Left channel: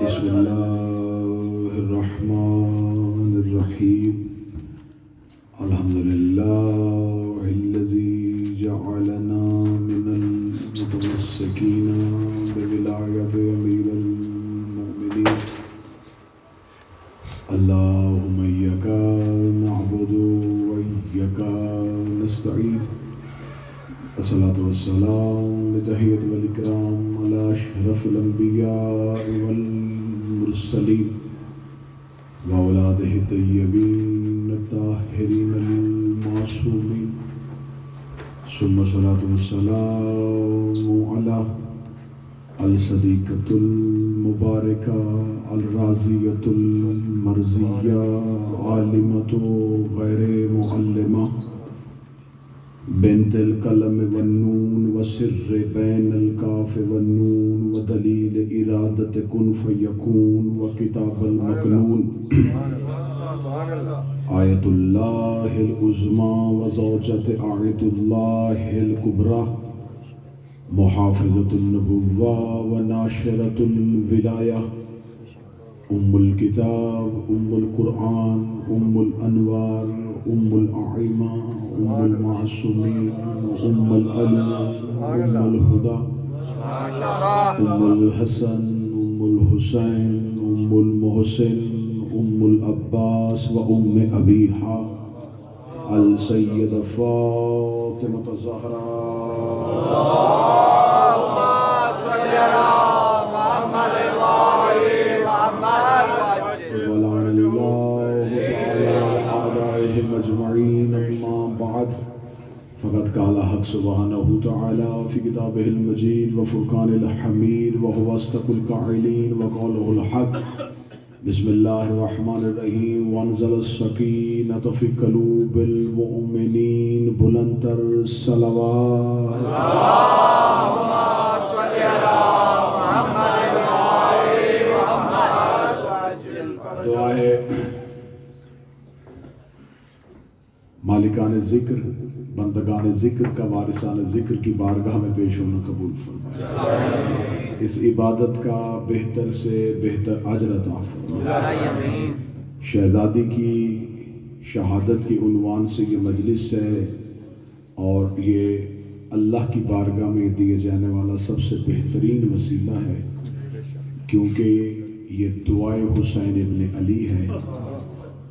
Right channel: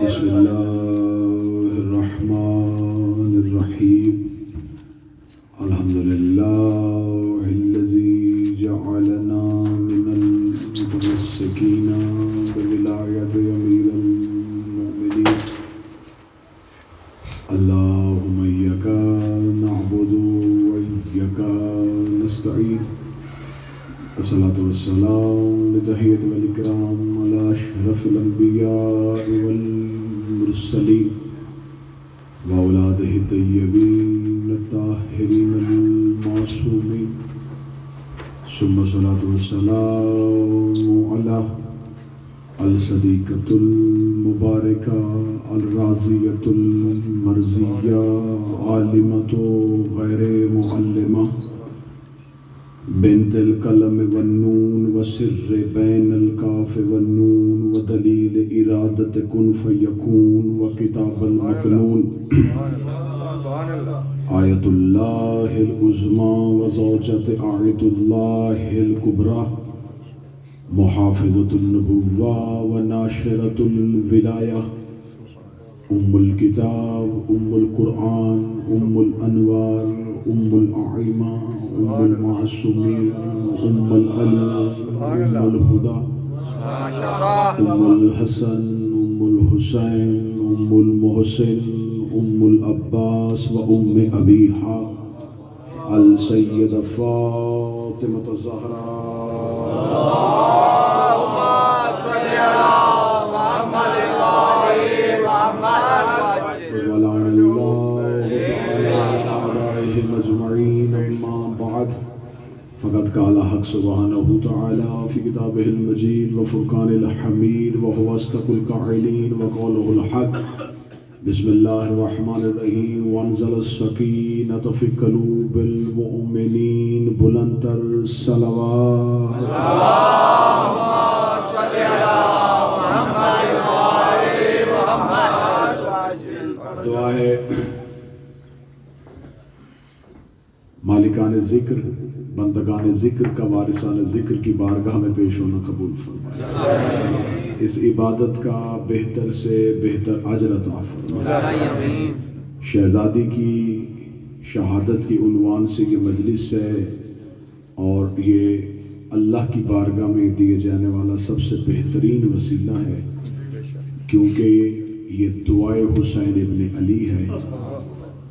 بسم اللہ الرحمن الرحیم الحمد للہ الذی جعلنا من المتمسکین بولایت امیر المؤمنین اللہم ایاک نعبد وایاک نستعین الصلاة والسلام بتحیۃ والاکرام علی اشرف الانبیاء والمرسلین واولادہ الطیبین الطاہرین المعصومین ثم الصلاة والسلام علی الصدیقۃ المبارکہ الرازیۃ المرضیہ عالمۃ غیر معلمہ بنت القلم والنون وسر بین الکاف والنون ودلیل ارادت کن فیکون وکتاب المکنون آیت اللہ العظمی وزوجت آیت اللہ الکبریٰ محافظۃ النبوہ وناشرۃ الولایہ ام الکتاب ام القرآن ام الانوار ام الأعمى ام المعصومین ام العلم ام الہدیٰ ام الحسن ام الحسین ام المحسن ام العباس و ام ابیہا السیدہ فاطمہ الزہراء اللہم صلی علی محمد وآل محمد وعجل ولعن اللہ اعدائهم اجمعین اما بعد فقد قال حق سبحانہ تعالی فی کتابہ المجید وفرقان الحمید وهو اصدق القائلین وقوله الحق بسم اللہ الرحمن الرحیم وانزل السکینۃ فی قلوب المؤمنین بلند تر صلوات اللہم صلی علی محمد وآل محمد وعجل دعا ہے مالکان ذکر بندگان ذکر کا وارثان ذکر کی بارگاہ میں پیش ہونا قبول فرمائے، اس عبادت کا بہتر سے بہتر اجر عطا فرمائے۔ شہزادی کی شہادت کی عنوان سے یہ مجلس ہے اور یہ اللہ کی بارگاہ میں دیے جانے والا سب سے بہترین وسیلہ ہے، کیونکہ یہ دعائے حسین ابن علی ہے۔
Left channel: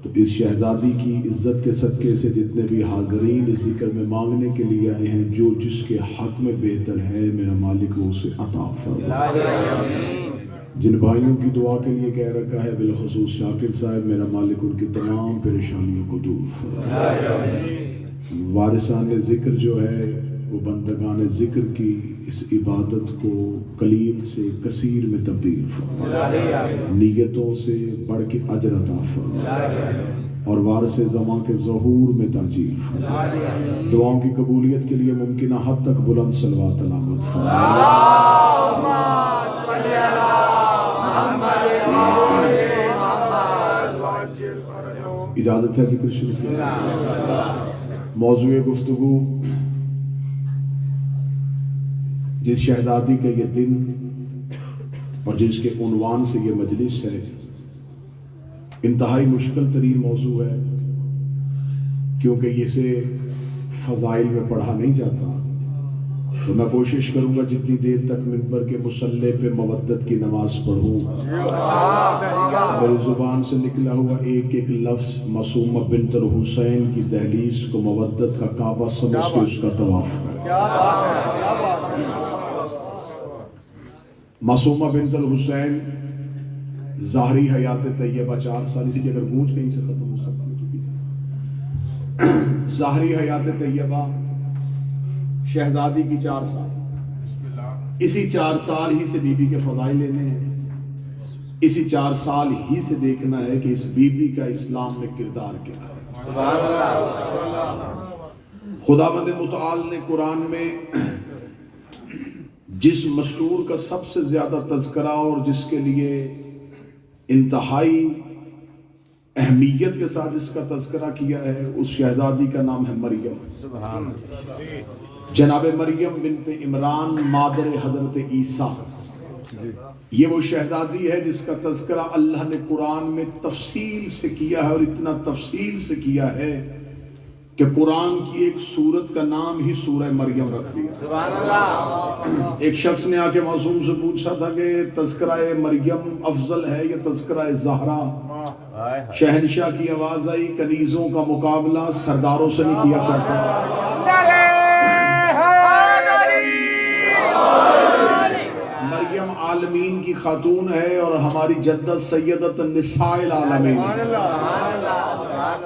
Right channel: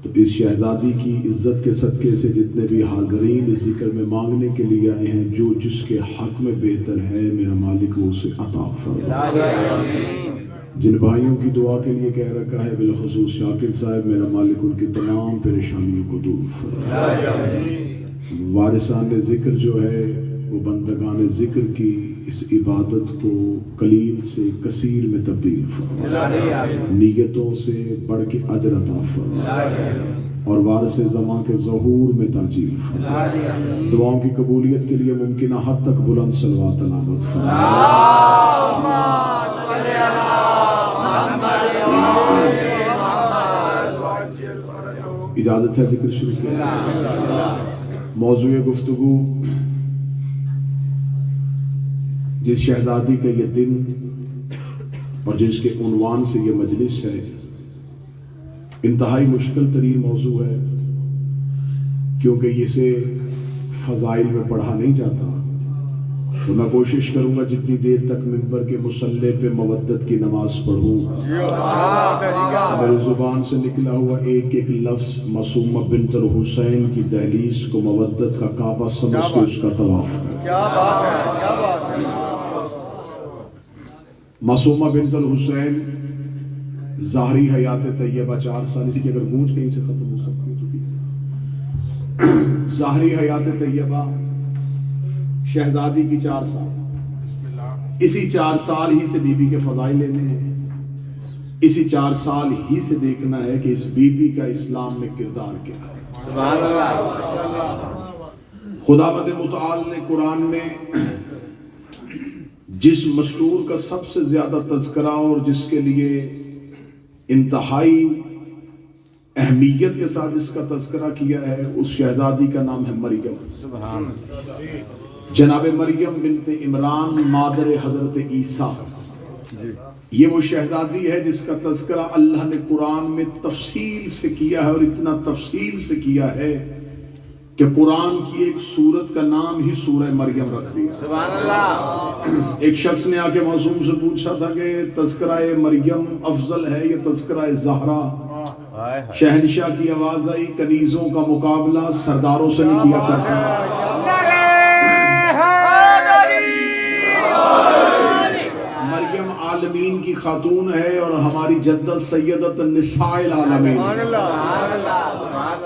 تو اس شہزادی کی عزت کے صدقے سے جتنے بھی حاضرین اس ذکر میں مانگنے کے لیے آئے ہیں، جو جس کے حق میں بہتر ہے میرا مالک وہ اسے عطا فرمائے۔ جن بھائیوں کی دعا کے لیے کہہ رکھا ہے بالخصوص شاکر صاحب، میرا مالک ان کی تمام پریشانیوں کو دور فرمائے۔ وارثان ذکر جو ہے وہ بندگان ذکر کی اس عبادت کو قلیل سے کثیر میں تبدیل فرمائے، نیتوں سے بڑھ کے اجر عطا فرمائے اور وارث زماں کے ظہور میں تاجیل فرمائے۔ دعاؤں کی قبولیت کے لیے ممکنہ حد تک بلند صلوات علامت فرمائے۔ اللہم صلی علی محمد وآل محمد وعجل فرجہ۔ اجازت ہے ذکر شروع کی؟ موضوع گفتگو جس شہزادی کا یہ دن اور جس کے عنوان سے یہ مجلس ہے، انتہائی مشکل ترین موضوع ہے، کیونکہ اسے فضائل میں پڑھا نہیں جاتا۔ تو میں کوشش کروں گا جتنی دیر تک ممبر کے مصلی پہ مودت کی نماز پڑھوں، میری زبان سے نکلا ہوا ایک ایک لفظ معصومہ بنت الحسین کی دہلیز کو مودت کا کعبہ سمجھ کے اس کا طواف کرے۔ معصومہ بنت الحسین ظاہری حیات طیبہ 4 سال، اسی کی اگر گونج کہیں سے ختم ہو سکتی ہے تو ظاہری حیات طیبہ شہزادی کی 4 سال، اسی 4 سال ہی سے بی بی کے فضائل لینے ہیں، اسی 4 سال ہی سے دیکھنا ہے کہ اس بی بی کا اسلام میں کردار کیا ہے۔ خداوند متعال نے قرآن میں جس مستور کا سب سے زیادہ تذکرہ اور جس کے لیے انتہائی اہمیت کے ساتھ اس کا تذکرہ کیا ہے، اس شہزادی کا نام ہے مریم، جناب مریم بنت عمران مادر حضرت عیسیٰ یہ وہ شہزادی ہے جس کا تذکرہ اللہ نے قرآن میں تفصیل سے کیا ہے، اور اتنا تفصیل سے کیا ہے کہ قرآن کی ایک سورت کا نام ہی سورہ مریم رکھ دیا۔ سبحان اللہ۔ ایک شخص نے آ کے معصوم سے پوچھا تھا کہ تذکرہ مریم افضل ہے یا تذکرہ زہرا؟ شہنشاہ کی آواز آئی، کنیزوں کا مقابلہ سرداروں سے نہیں کیا کرتا۔ مریم عالمین کی خاتون ہے اور ہماری جدت سیدت النساء العالمین۔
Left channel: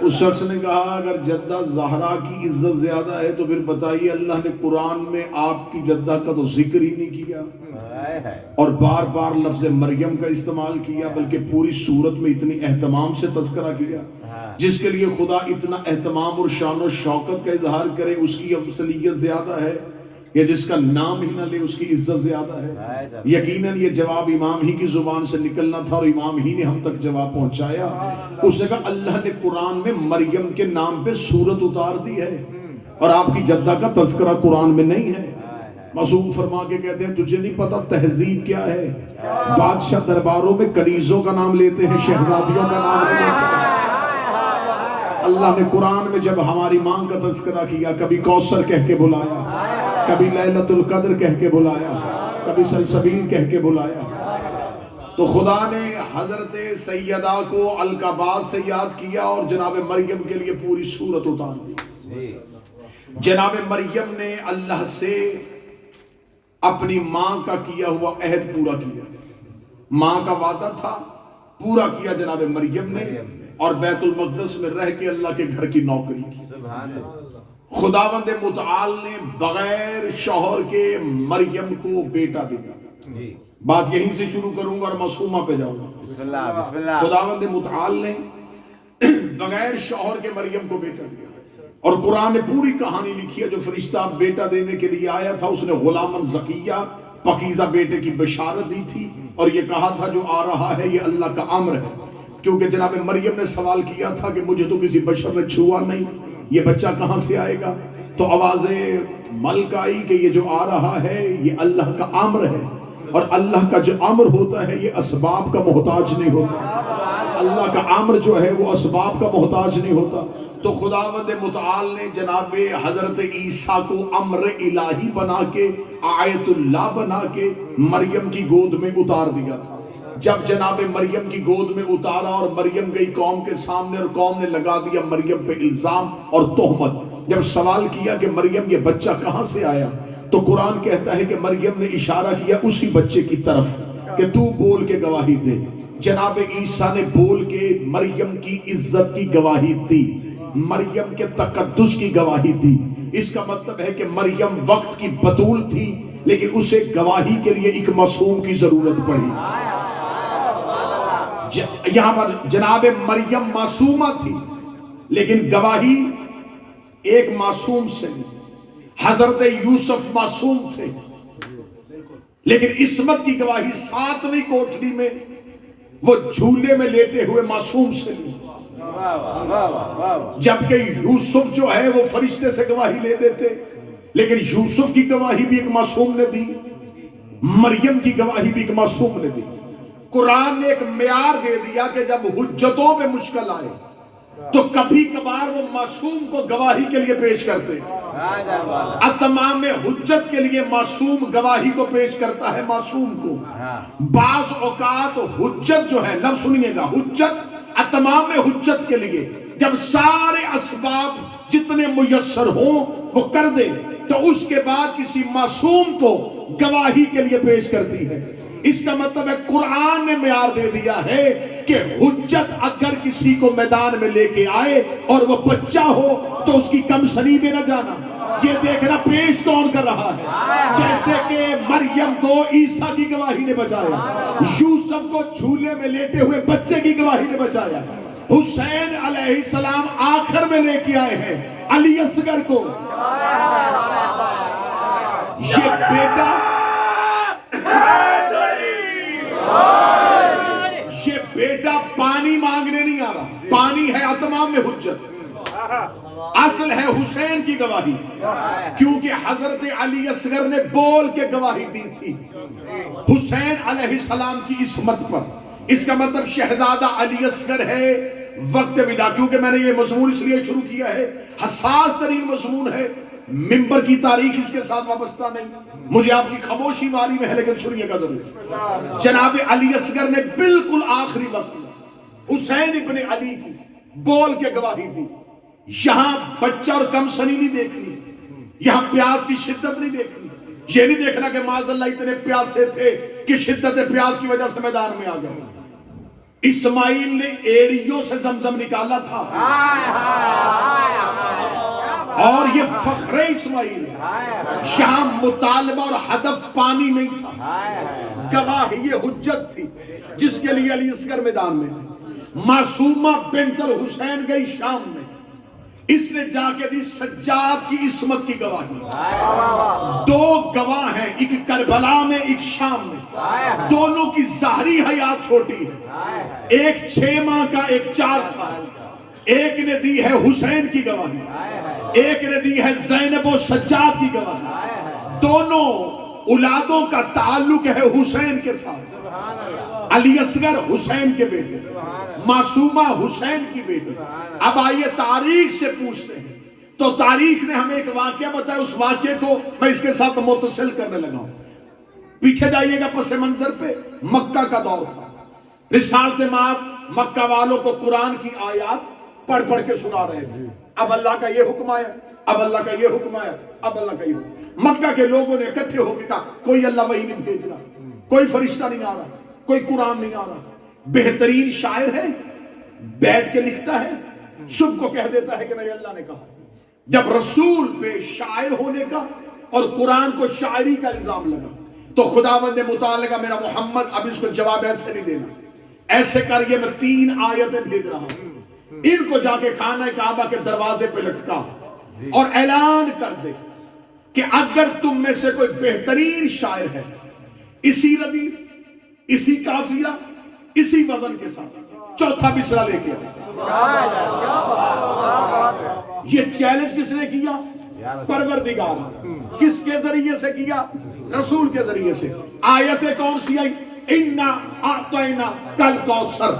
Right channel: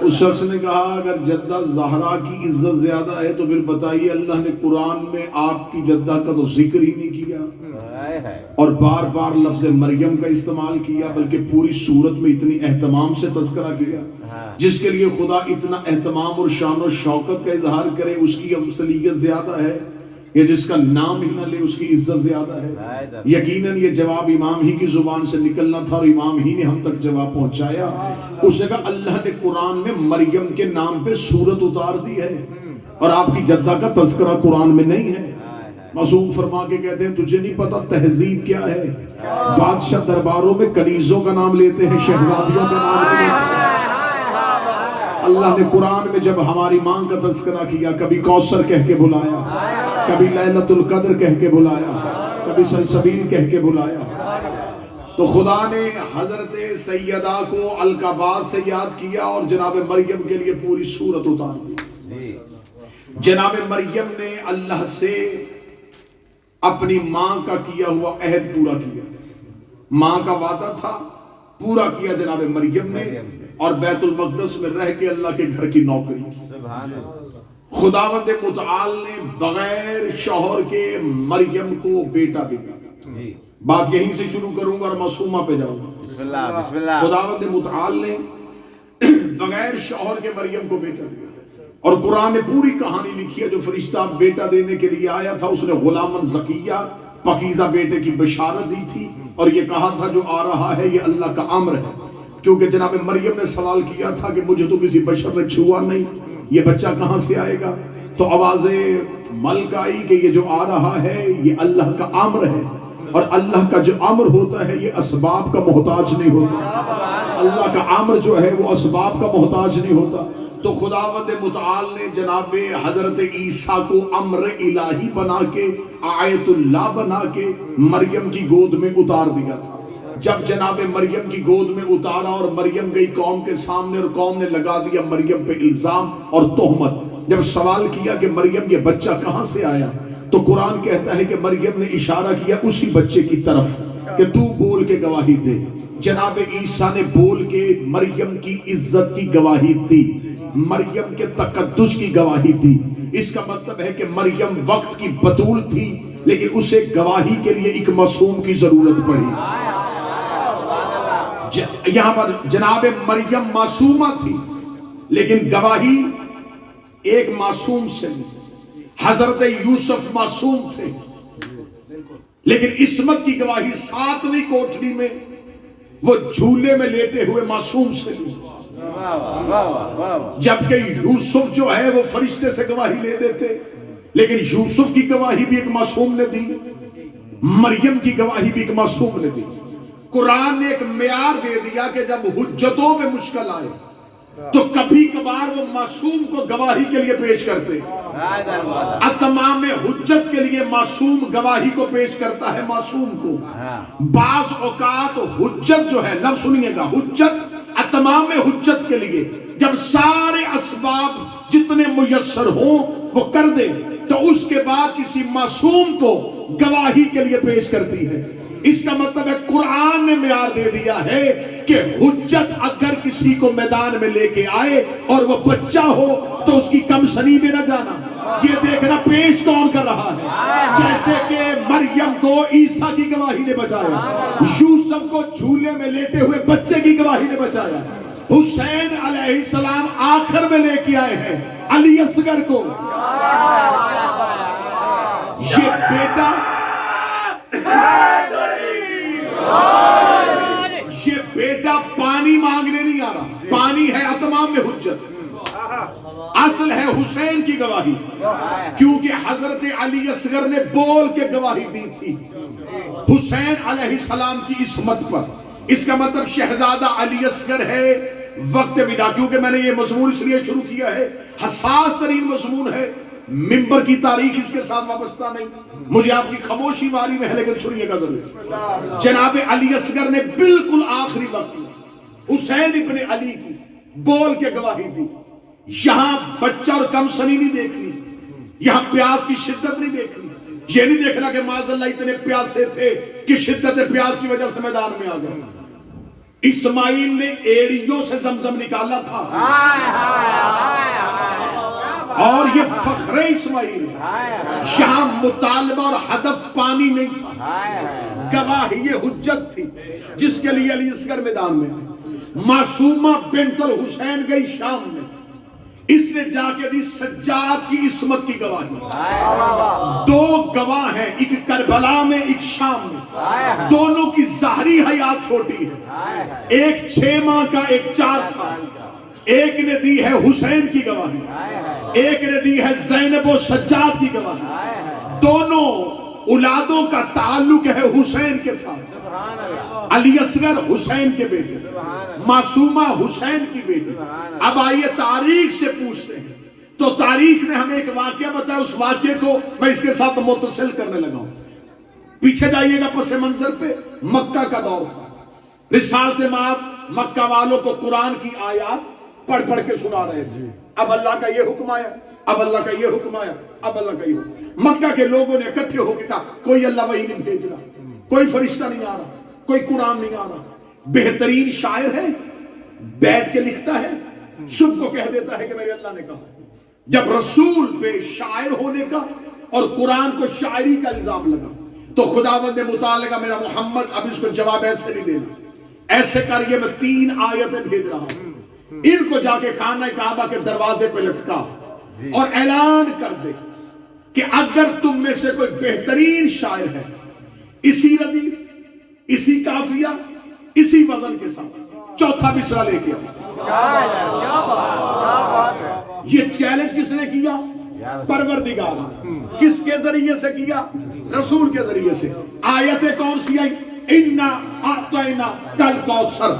اس شخص نے کہا اگر جدہ زہرا کی عزت زیادہ ہے تو پھر بتائیے اللہ نے قرآن میں آپ کی جدہ کا تو ذکر ہی نہیں کیا اور بار بار لفظ مریم کا استعمال کیا، بلکہ پوری سورت میں اتنی اہتمام سے تذکرہ کیا۔ جس کے لیے خدا اتنا اہتمام اور شان و شوکت کا اظہار کرے، اس کی افضلیت زیادہ ہے یا جس کا نام ہی نہ لے اس کی عزت زیادہ ہے؟ یقیناً یہ جواب امام ہی کی زبان سے نکلنا تھا اور امام ہی نے ہم تک جواب پہنچایا۔ اس نے کہا اللہ نے قرآن میں مریم کے نام پہ سورت اتار دی ہے اور آپ کی جدہ کا تذکرہ قرآن میں نہیں ہے۔ معصوم فرما کے کہتے ہیں تجھے نہیں پتا تہذیب کیا ہے؟ بادشاہ درباروں میں کنیزوں کا نام لیتے ہیں، شہزادیوں کا نام لیتے ہیں۔ اللہ نے قرآن میں جب ہماری ماں کا تذکرہ کیا، کبھی کوثر کہہ کے بلایا، کبھی لیلۃ القدر کہہ کے بلایا، کبھی سلسبیل کہہ کے بلایا، تو خدا نے حضرت سیدہ کو القابات سے یاد کیا اور جناب مریم کے لیے پوری سورت اتار دی۔ جناب مریم نے اللہ سے اپنی ماں کا کیا ہوا عہد پورا کیا، ماں کا وعدہ تھا پورا کیا جناب مریم نے، اور بیت المقدس میں رہ کے اللہ کے گھر کی نوکری کی۔ خداوند متعال نے بغیر شوہر کے مریم کو بیٹا دیا۔ بات یہیں سے شروع کروں گا اور معصومہ پہ جاؤں گا۔ خداوند متعال نے بغیر شوہر کے مریم کو بیٹا دیا، اور قرآن نے پوری کہانی لکھی ہے۔ جو فرشتہ بیٹا دینے کے لیے آیا تھا اس نے غلامن زکیہ پاکیزہ بیٹے کی بشارت دی تھی اور یہ کہا تھا جو آ رہا ہے یہ اللہ کا امر ہے، کیونکہ جناب مریم نے سوال کیا تھا کہ مجھے تو کسی بشر نے چھوا نہیں، یہ بچہ کہاں سے آئے گا؟ تو آواز ملک آئی کہ یہ جو آ رہا ہے یہ اللہ کا امر ہے، اور اللہ کا جو امر ہوتا ہے یہ اسباب کا محتاج نہیں ہوتا۔ اللہ کا امر جو ہے وہ اسباب کا محتاج نہیں ہوتا۔ تو خداوند متعال نے جناب حضرت عیسیٰ کو امر الہی بنا کے، آیت اللہ بنا کے مریم کی گود میں اتار دیا تھا۔ جب جناب مریم کی گود میں اتارا اور مریم گئی قوم کے سامنے اور قوم نے لگا دیا مریم پہ الزام اور تہمت، جب سوال کیا کہ مریم یہ بچہ کہاں سے آیا، تو قرآن کہتا ہے کہ مریم نے اشارہ کیا اسی بچے کی طرف کہ تو بول کے گواہی دے۔ جناب عیسیٰ نے بول کے مریم کی عزت کی گواہی دی، مریم کے تقدس کی گواہی دی۔ اس کا مطلب ہے کہ مریم وقت کی بطول تھی لیکن اسے گواہی کے لیے ایک معصوم کی ضرورت پڑی۔ یہاں پر جناب مریم معصومہ تھی لیکن گواہی ایک معصوم سے نہیں۔ حضرت یوسف معصوم تھے لیکن عصمت کی گواہی 7ویں کوٹھری میں وہ جھولے میں لیٹے ہوئے معصوم سے نہیں، جبکہ یوسف جو ہے وہ فرشتے سے گواہی لے دیتے، لیکن یوسف کی گواہی بھی ایک معصوم نے دی، مریم کی گواہی بھی ایک معصوم نے دی۔ قرآن نے ایک معیار دے دیا کہ جب حجتوں پہ مشکل آئے تو کبھی کبھار وہ معصوم کو گواہی کے لیے پیش کرتے ہیں۔ اتمام حجت کے لیے معصوم گواہی کو پیش کرتا ہے معصوم کو۔ بعض اوقات حجت جو ہے، لفظ سنیے گا، حجت اتمام حجت کے لیے جب سارے اسباب جتنے میسر ہوں وہ کر دے تو اس کے بعد کسی معصوم کو گواہی کے لیے پیش کرتی ہے۔ اس کا مطلب ہے قرآن نے معیار دے دیا ہے کہ حجت اگر کسی کو میدان میں لے کے آئے اور وہ بچہ ہو تو اس کی کم سنی میں نہ جانا، یہ دیکھنا پیش کون کر رہا ہے۔ جیسے کہ مریم کو عیسیٰ کی گواہی نے بچایا، یوسف کو جھولے میں لیٹے ہوئے بچے کی گواہی نے بچایا، حسین علیہ السلام آخر میں لے کے آئے ہیں علی اصغر کو۔ یہ بیٹا پانی مانگنے نہیں آ رہا، پانی ہے اتمام میں حجت۔ اصل ہے حسین کی گواہی، کیونکہ حضرت علی اصغر نے بول کے گواہی دی تھی حسین علیہ السلام کی عصمت پر۔ اس کا مطلب شہزادہ علی اصغر ہے وقت ودا۔ کیونکہ میں نے یہ مضمون اس لیے شروع کیا ہے، حساس ترین مضمون ہے، منبر کی تاریخ اس کے ساتھ وابستہ نہیں، مجھے آپ کی خاموشی واری میں ہے، لیکن سنیے گا ضرور۔ جناب علی اصغر نے بالکل آخری وقت حسین ابن علی کی بول کے گواہی دی۔ یہاں بچہ اور کم سنی نہیں دیکھنی، یہاں پیاس کی شدت نہیں دیکھنی، یہ نہیں دیکھنا کہ معاذ اللہ اتنے پیاسے تھے کہ شدت پیاس کی وجہ سے میدان میں آ گئے۔ اسماعیل نے ایڑیوں سے زمزم نکالا تھا، اور یہ فخر اسماعیل ہے۔ یہاں مطالبہ اور ہدف پانی نہیں تھا، گواہی یہ حجت تھی جس کے لیے علی اصغر میدان میں ہے۔ معصومہ بنت الحسین گئی شام میں، اس نے جا کے دی سجاد کی عصمت کی گواہی۔ دو گواہ ہیں، ایک کربلا میں ایک شام میں، دونوں کی ظاہری حیات چھوٹی ہے، ایک 6 ماہ کا ایک 4 سال کا۔ ایک نے دی ہے حسین کی گواہی، ایک نے دی ہے زینب و سجاد کی گواہی۔ دونوں اولادوں کا تعلق ہے حسین کے ساتھ۔ علی اصغر حسین کے بیٹے، معصومہ حسین کی بیٹی۔ اب آئیے تاریخ سے پوچھتے ہیں، تو تاریخ نے ہمیں ایک واقعہ بتایا، اس واقعے کو میں اس کے ساتھ متصل کرنے لگا ہوں۔ پیچھے جائیے گا پس منظر پہ، مکہ کا دور تھا۔ رسالت مآب مکہ والوں کو قرآن کی آیات پڑھ پڑھ کے سنا رہے تھے۔ اب اللہ کا یہ حکم آیا، اب اللہ کا یہ حکم آیا، اب اللہ کا یہ حکم۔ مکہ کے لوگوں نے اکٹھے ہو کے کہا کوئی اللہ وحی نہیں بھیج رہا، کوئی فرشتہ نہیں آ رہا، کوئی قرآن نہیں آ رہا۔ بہترین شاعر ہے، بیٹھ کے لکھتا ہے، صبح کو کہہ دیتا ہے کہ میرے اللہ نے کہا۔ جب رسول پہ شاعر ہونے کا اور قرآن کو شاعری کا الزام لگا تو خداوند نے مطالعہ کا میرا محمد اب اس کو جواب ایسے نہیں دینا، ایسے کر یہ میں 3 آیتیں بھیج رہا ہوں، ان کو جا کے خانہ کعبہ کے دروازے پہ لٹکا اور اعلان کر دے کہ اگر تم میں سے کوئی بہترین شاعر ہے، اسی ردیف، اسی قافیہ، اسی وزن کے ساتھ 4تھا مصرع لے کے آؤ۔ یہ چیلنج کس نے کیا؟ پروردگار نے۔ کس کے ذریعے سے کیا؟ رسول کے ذریعے سے۔ آیتیں کون سی آئی؟ اِنَّا أَعْطَيْنَا كَالْكَوْثَرَ۔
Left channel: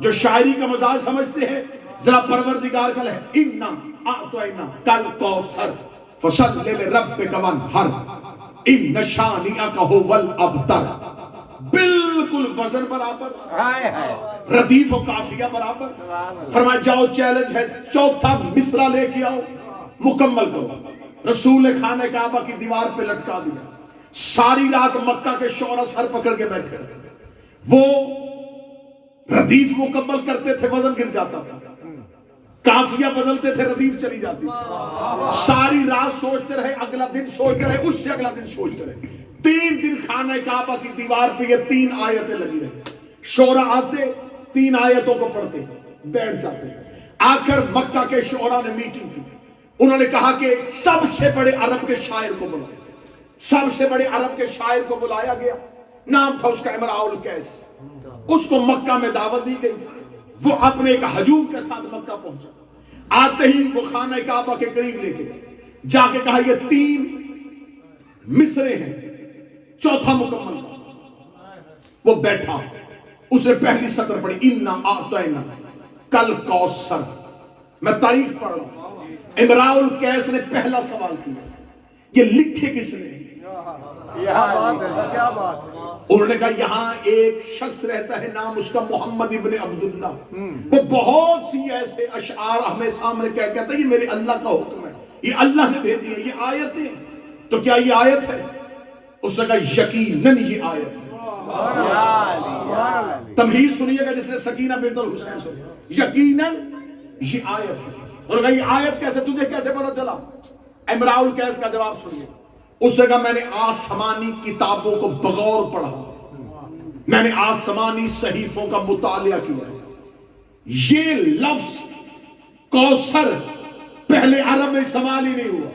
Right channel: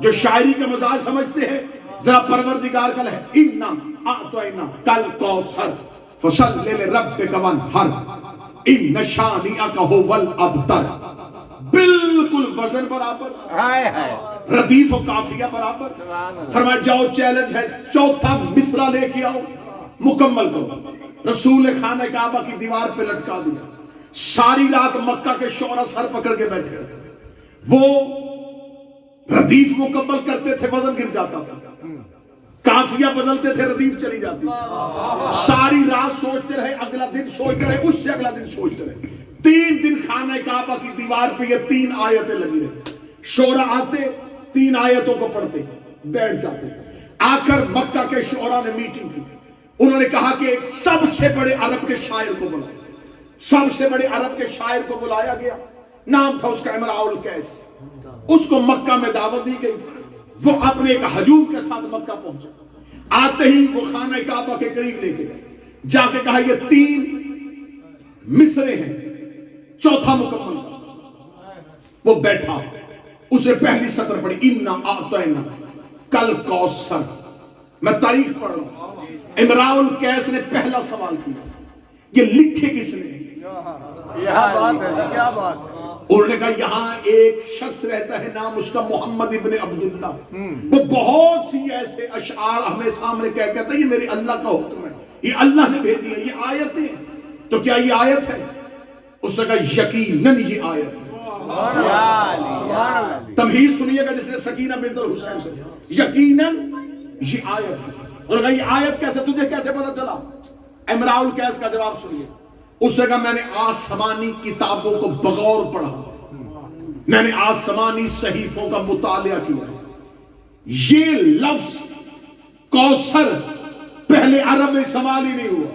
جو شاعری کا مزاج سمجھتے ہیں، ذرا پروردگار کا ہے اِنَّا أَعْطَيْنَا كَالْكَوْثَرَ فَصَلِّ لِرَبِّكَ وَانْحَرْ إِنَّ شَانِئَكَ هُوَ الْأَبْتَرُ۔ بالکل وزن برابر، ردیف و قافیہ برابر۔ فرمایا جاؤ چیلنج ہے، 4تھا مصرع لے کے آؤ، مکمل کرو۔ رسول نے خانہ کعبہ کی دیوار پہ لٹکا دیا۔ ساری رات مکہ کے شعراء سر پکڑ کے بیٹھے رہے، وہ ردیف مکمل کرتے تھے، وزن گر جاتا تھا، قافیہ بدلتے تھے، ردیف چلی جاتی تھی۔ ساری رات سوچتے رہے، اگلا دن سوچتے رہے، اس سے اگلا دن سوچتے رہے۔ 3 دن خانہ کعبہ کی دیوار پہ یہ 3 آیتیں لگی رہی۔ شعراء آتے 3 آیتوں کو پڑھتے بیٹھ جاتے۔ آخر مکہ کے شعراء نے میٹنگ کی، انہوں نے کہا کہ ایک سب سے بڑے عرب کے شاعر کو بلاؤ۔ سب سے بڑے عرب کے شاعر کو بلایا گیا، نام تھا اس کا امراء القیس۔ اس کو مکہ میں دعوت دی گئی، وہ اپنے ایک ہجوم کے ساتھ مکہ پہنچا۔ آتے ہی وہ خانہ کعبہ کے قریب لے کے جا کے کہا یہ 3 مصرے ہیں، 4تھا مکمل۔ وہ بیٹھا، اسے پہلی سطر پڑھی اِنَّا أَعْطَيْنَا كَالْكَوْثَرَ۔ میں تاریخ پڑھ رہا ہوں۔ امراء القیس نے پہلا سوال کیا، یہ لکھے کس نے؟ انہوں نے کہا یہاں ایک شخص رہتا ہے، نام اس کا محمد ابن عبداللہ، وہ بہت سی ایسے اشعار ہمیں سامنے کہتا ہے یہ میرے اللہ کا حکم ہے، یہ اللہ نے بھیجی ہے، یہ آیتیں۔ تو کیا یہ آیت ہے؟ اس نے کہا یقیناً یہ آیت ہے۔ تمہید سنیے گا جس نے سکینہ بنت الحسین سے، یقیناً یہ آیت ہے۔ اور کہا یہ آیت کیسے، تجھے کیسے پتا چلا؟ امراء القیس کا جواب سنیے۔ اس نے کہا میں نے آسمانی کتابوں کو بغور پڑھا، میں نے آسمانی صحیفوں کا مطالعہ کیا، یہ لفظ کوثر پہلے عرب میں سوال ہی نہیں ہوا۔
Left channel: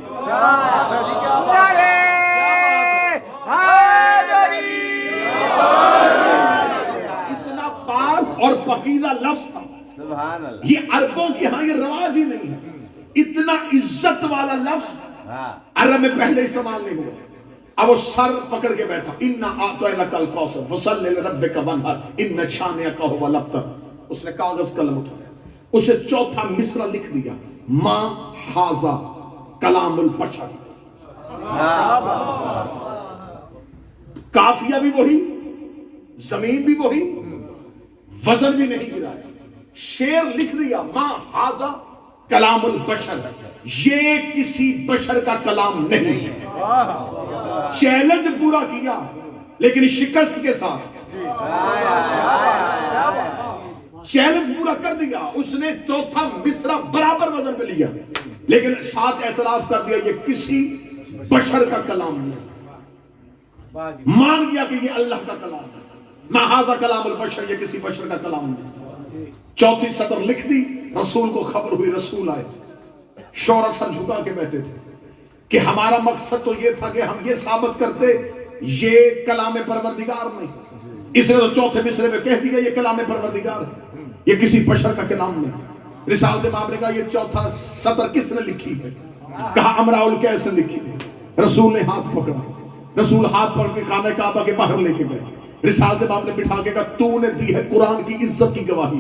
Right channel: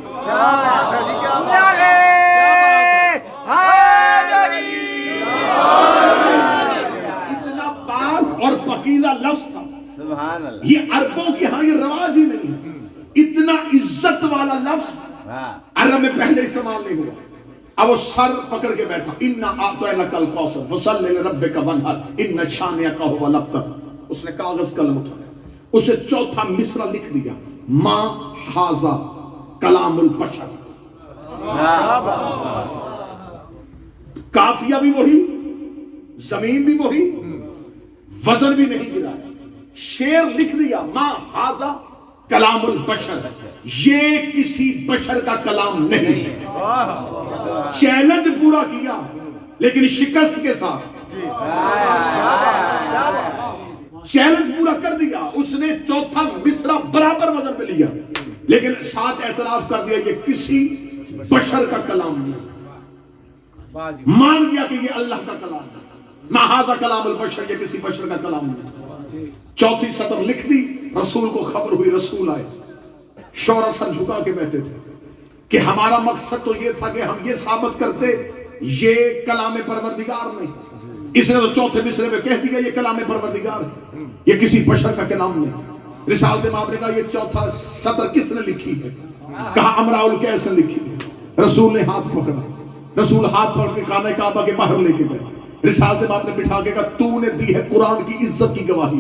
اتنا پاک اور پاکیزہ لفظ تھا، یہ عربوں کی ہاں یہ رواج ہی نہیں ہے۔ اتنا عزت والا لفظ عرب میں پہلے استعمال نہیں ہوا. اب وہ سر پکڑ کے بیٹھا, اِنَّا أَعْطَيْنَاكَ الْكَوْثَرَ فَصَلِّ لِرَبِّكَ وَانْحَرْ إِنَّ شَانِئَكَ هُوَ الْأَبْتَرُ. اس نے کاغذ قلم اٹھایا, اسے چوتھا مصرع لکھ دیا, ما ھذا کلام البشر. کافیہ بھی وہی, زمین بھی وہی, وزن بھی نہیں گرایا, شعر لکھ دیا, ما ھذا کلام البشر, یہ کسی بشر کا کلام نہیں. چیلنج پورا کیا لیکن شکست کے ساتھ. چیلنج پورا کر دیا, اس نے چوتھا مصرع برابر وزن پہ لیا لیکن ساتھ اعتراف کر دیا یہ کسی بشر کا کلام نہیں. مان گیا کہ یہ اللہ کا کلام ہے. ما ھذا کلام البشر, یہ کسی بشر کا کلام نہیں. چوتھی سطر لکھ دی, رسول کو خبر ہوئی, رسول آئے, شور سر جھکا کے بیٹھے تھے کہ ہمارا مقصد تو یہ تھا کہ ہم یہ ثابت کرتے یہ کلام پروردگار نہیں. اس نے تو چوتھے مصرع پہ کہہ دیا یہ کلام پروردگار ہے, یہ کسی بشر کا کلام نہیں. رسالت مآب نے کہا یہ چوتھا سطر کس نے لکھی ہے؟ کہا امراء القیس نے لکھی ہے. رسول نے ہاتھ پکڑا, رسول ہاتھ پکڑ کے خانہ کعبہ کے باہر لے کے گئے. رسالت مآب نے بٹھا کے کہا تو نے دی ہے قرآن کی عزت کی گواہی,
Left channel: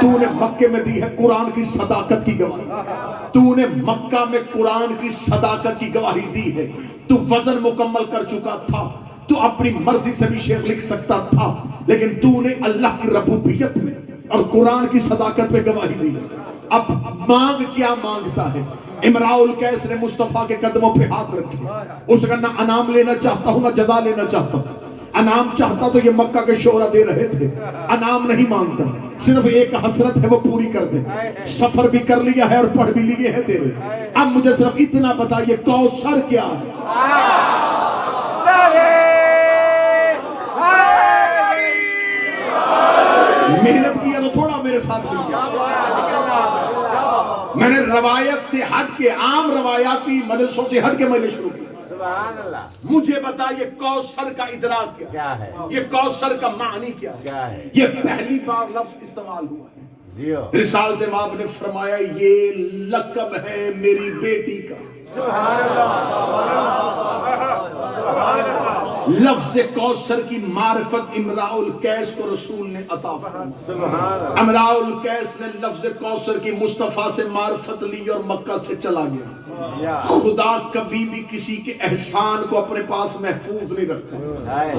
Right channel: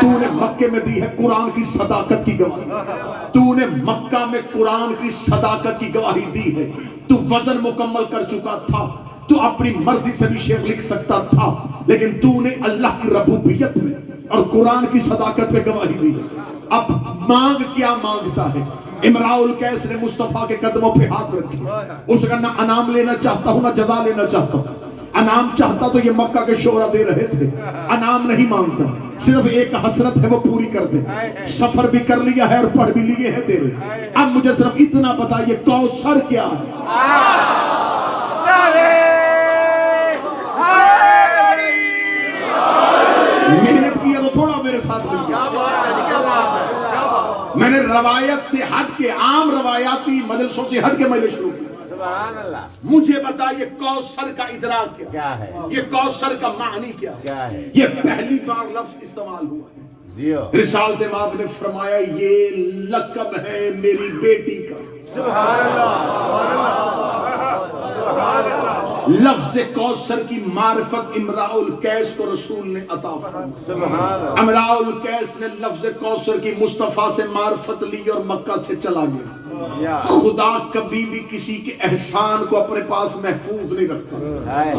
تو نے مکے میں دی ہے قرآن کی صداقت کی گواہی, تو نے مکہ میں قرآن کی صداقت کی گواہی دی ہے. تو وزن مکمل کر چکا تھا, تو اپنی مرضی سے بھی شعر لکھ سکتا تھا, لیکن تو نے اللہ کی ربوبیت میں اور قرآن کی صداقت پہ گواہی دی. اب مانگ کیا مانگتا ہے؟ امراء القیس نے مصطفیٰ کے قدموں پہ ہاتھ رکھے. اس نے کہا نہ انعام لینا چاہتا ہوں نہ جزا لینا چاہتا ہوں. انعام چاہتا تو یہ مکہ کے شعراء دے رہے تھے, انعام نہیں مانگتا, صرف ایک حسرت ہے وہ پوری کر دے. سفر بھی کر لیا ہے اور پڑھ بھی لیے ہیں تیرے, اب مجھے صرف اتنا بتا یہ کوثر کیا ہے؟ محنت کی ہے تو تھوڑا میرے ساتھ مل گیا. میں نے روایت سے ہٹ کے, عام روایاتی مجلسوں سے ہٹ کے میں شروع کیا. سبحان اللہ. مجھے بتا یہ کوثر کا ادراک کیا ہے, یہ کوثر کا معنی کیا ہے؟ یہ پہلی بار لفظ استعمال ہوا ہے. رسالت مآب نے فرمایا یہ لقب ہے میری بیٹی کا. سبحان اللہ. لفظ کوثر کی معرفت امراء القیس کو رسول نے عطا فرمائی. امراء القیس نے لفظ کوثر کی مصطفیٰ سے معرفت لی اور مکہ سے چلا گیا. خدا کبھی بھی کسی کے احسان کو اپنے پاس محفوظ نہیں رکھتا,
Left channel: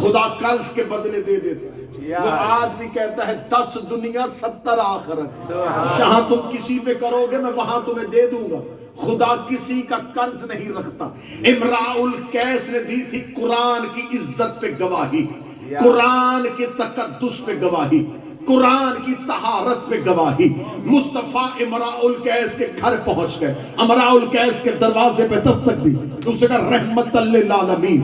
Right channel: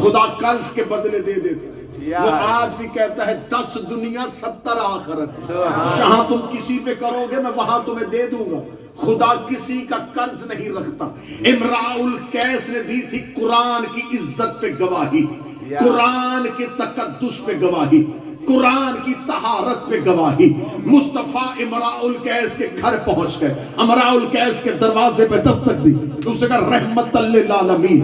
خدا قرض کے بدلے دے دیتا ہے. وہ آج بھی کہتا ہے 10 دنیا 70 آخرت, جہاں تم کسی پہ کرو گے میں وہاں تمہیں دے دوں گا. خدا کسی کا قرض نہیں رکھتا. امراء القیس نے دی تھی قرآن کی عزت پہ گواہی, قرآن کے تقدس پہ گواہی, قرآن کی طہارت پہ گواہی. مصطفیٰ امراء القیس کے گھر پہنچ گئے, امراء القیس کے دروازے پہ دستک دی. اس نے کہا رحمت للعالمین,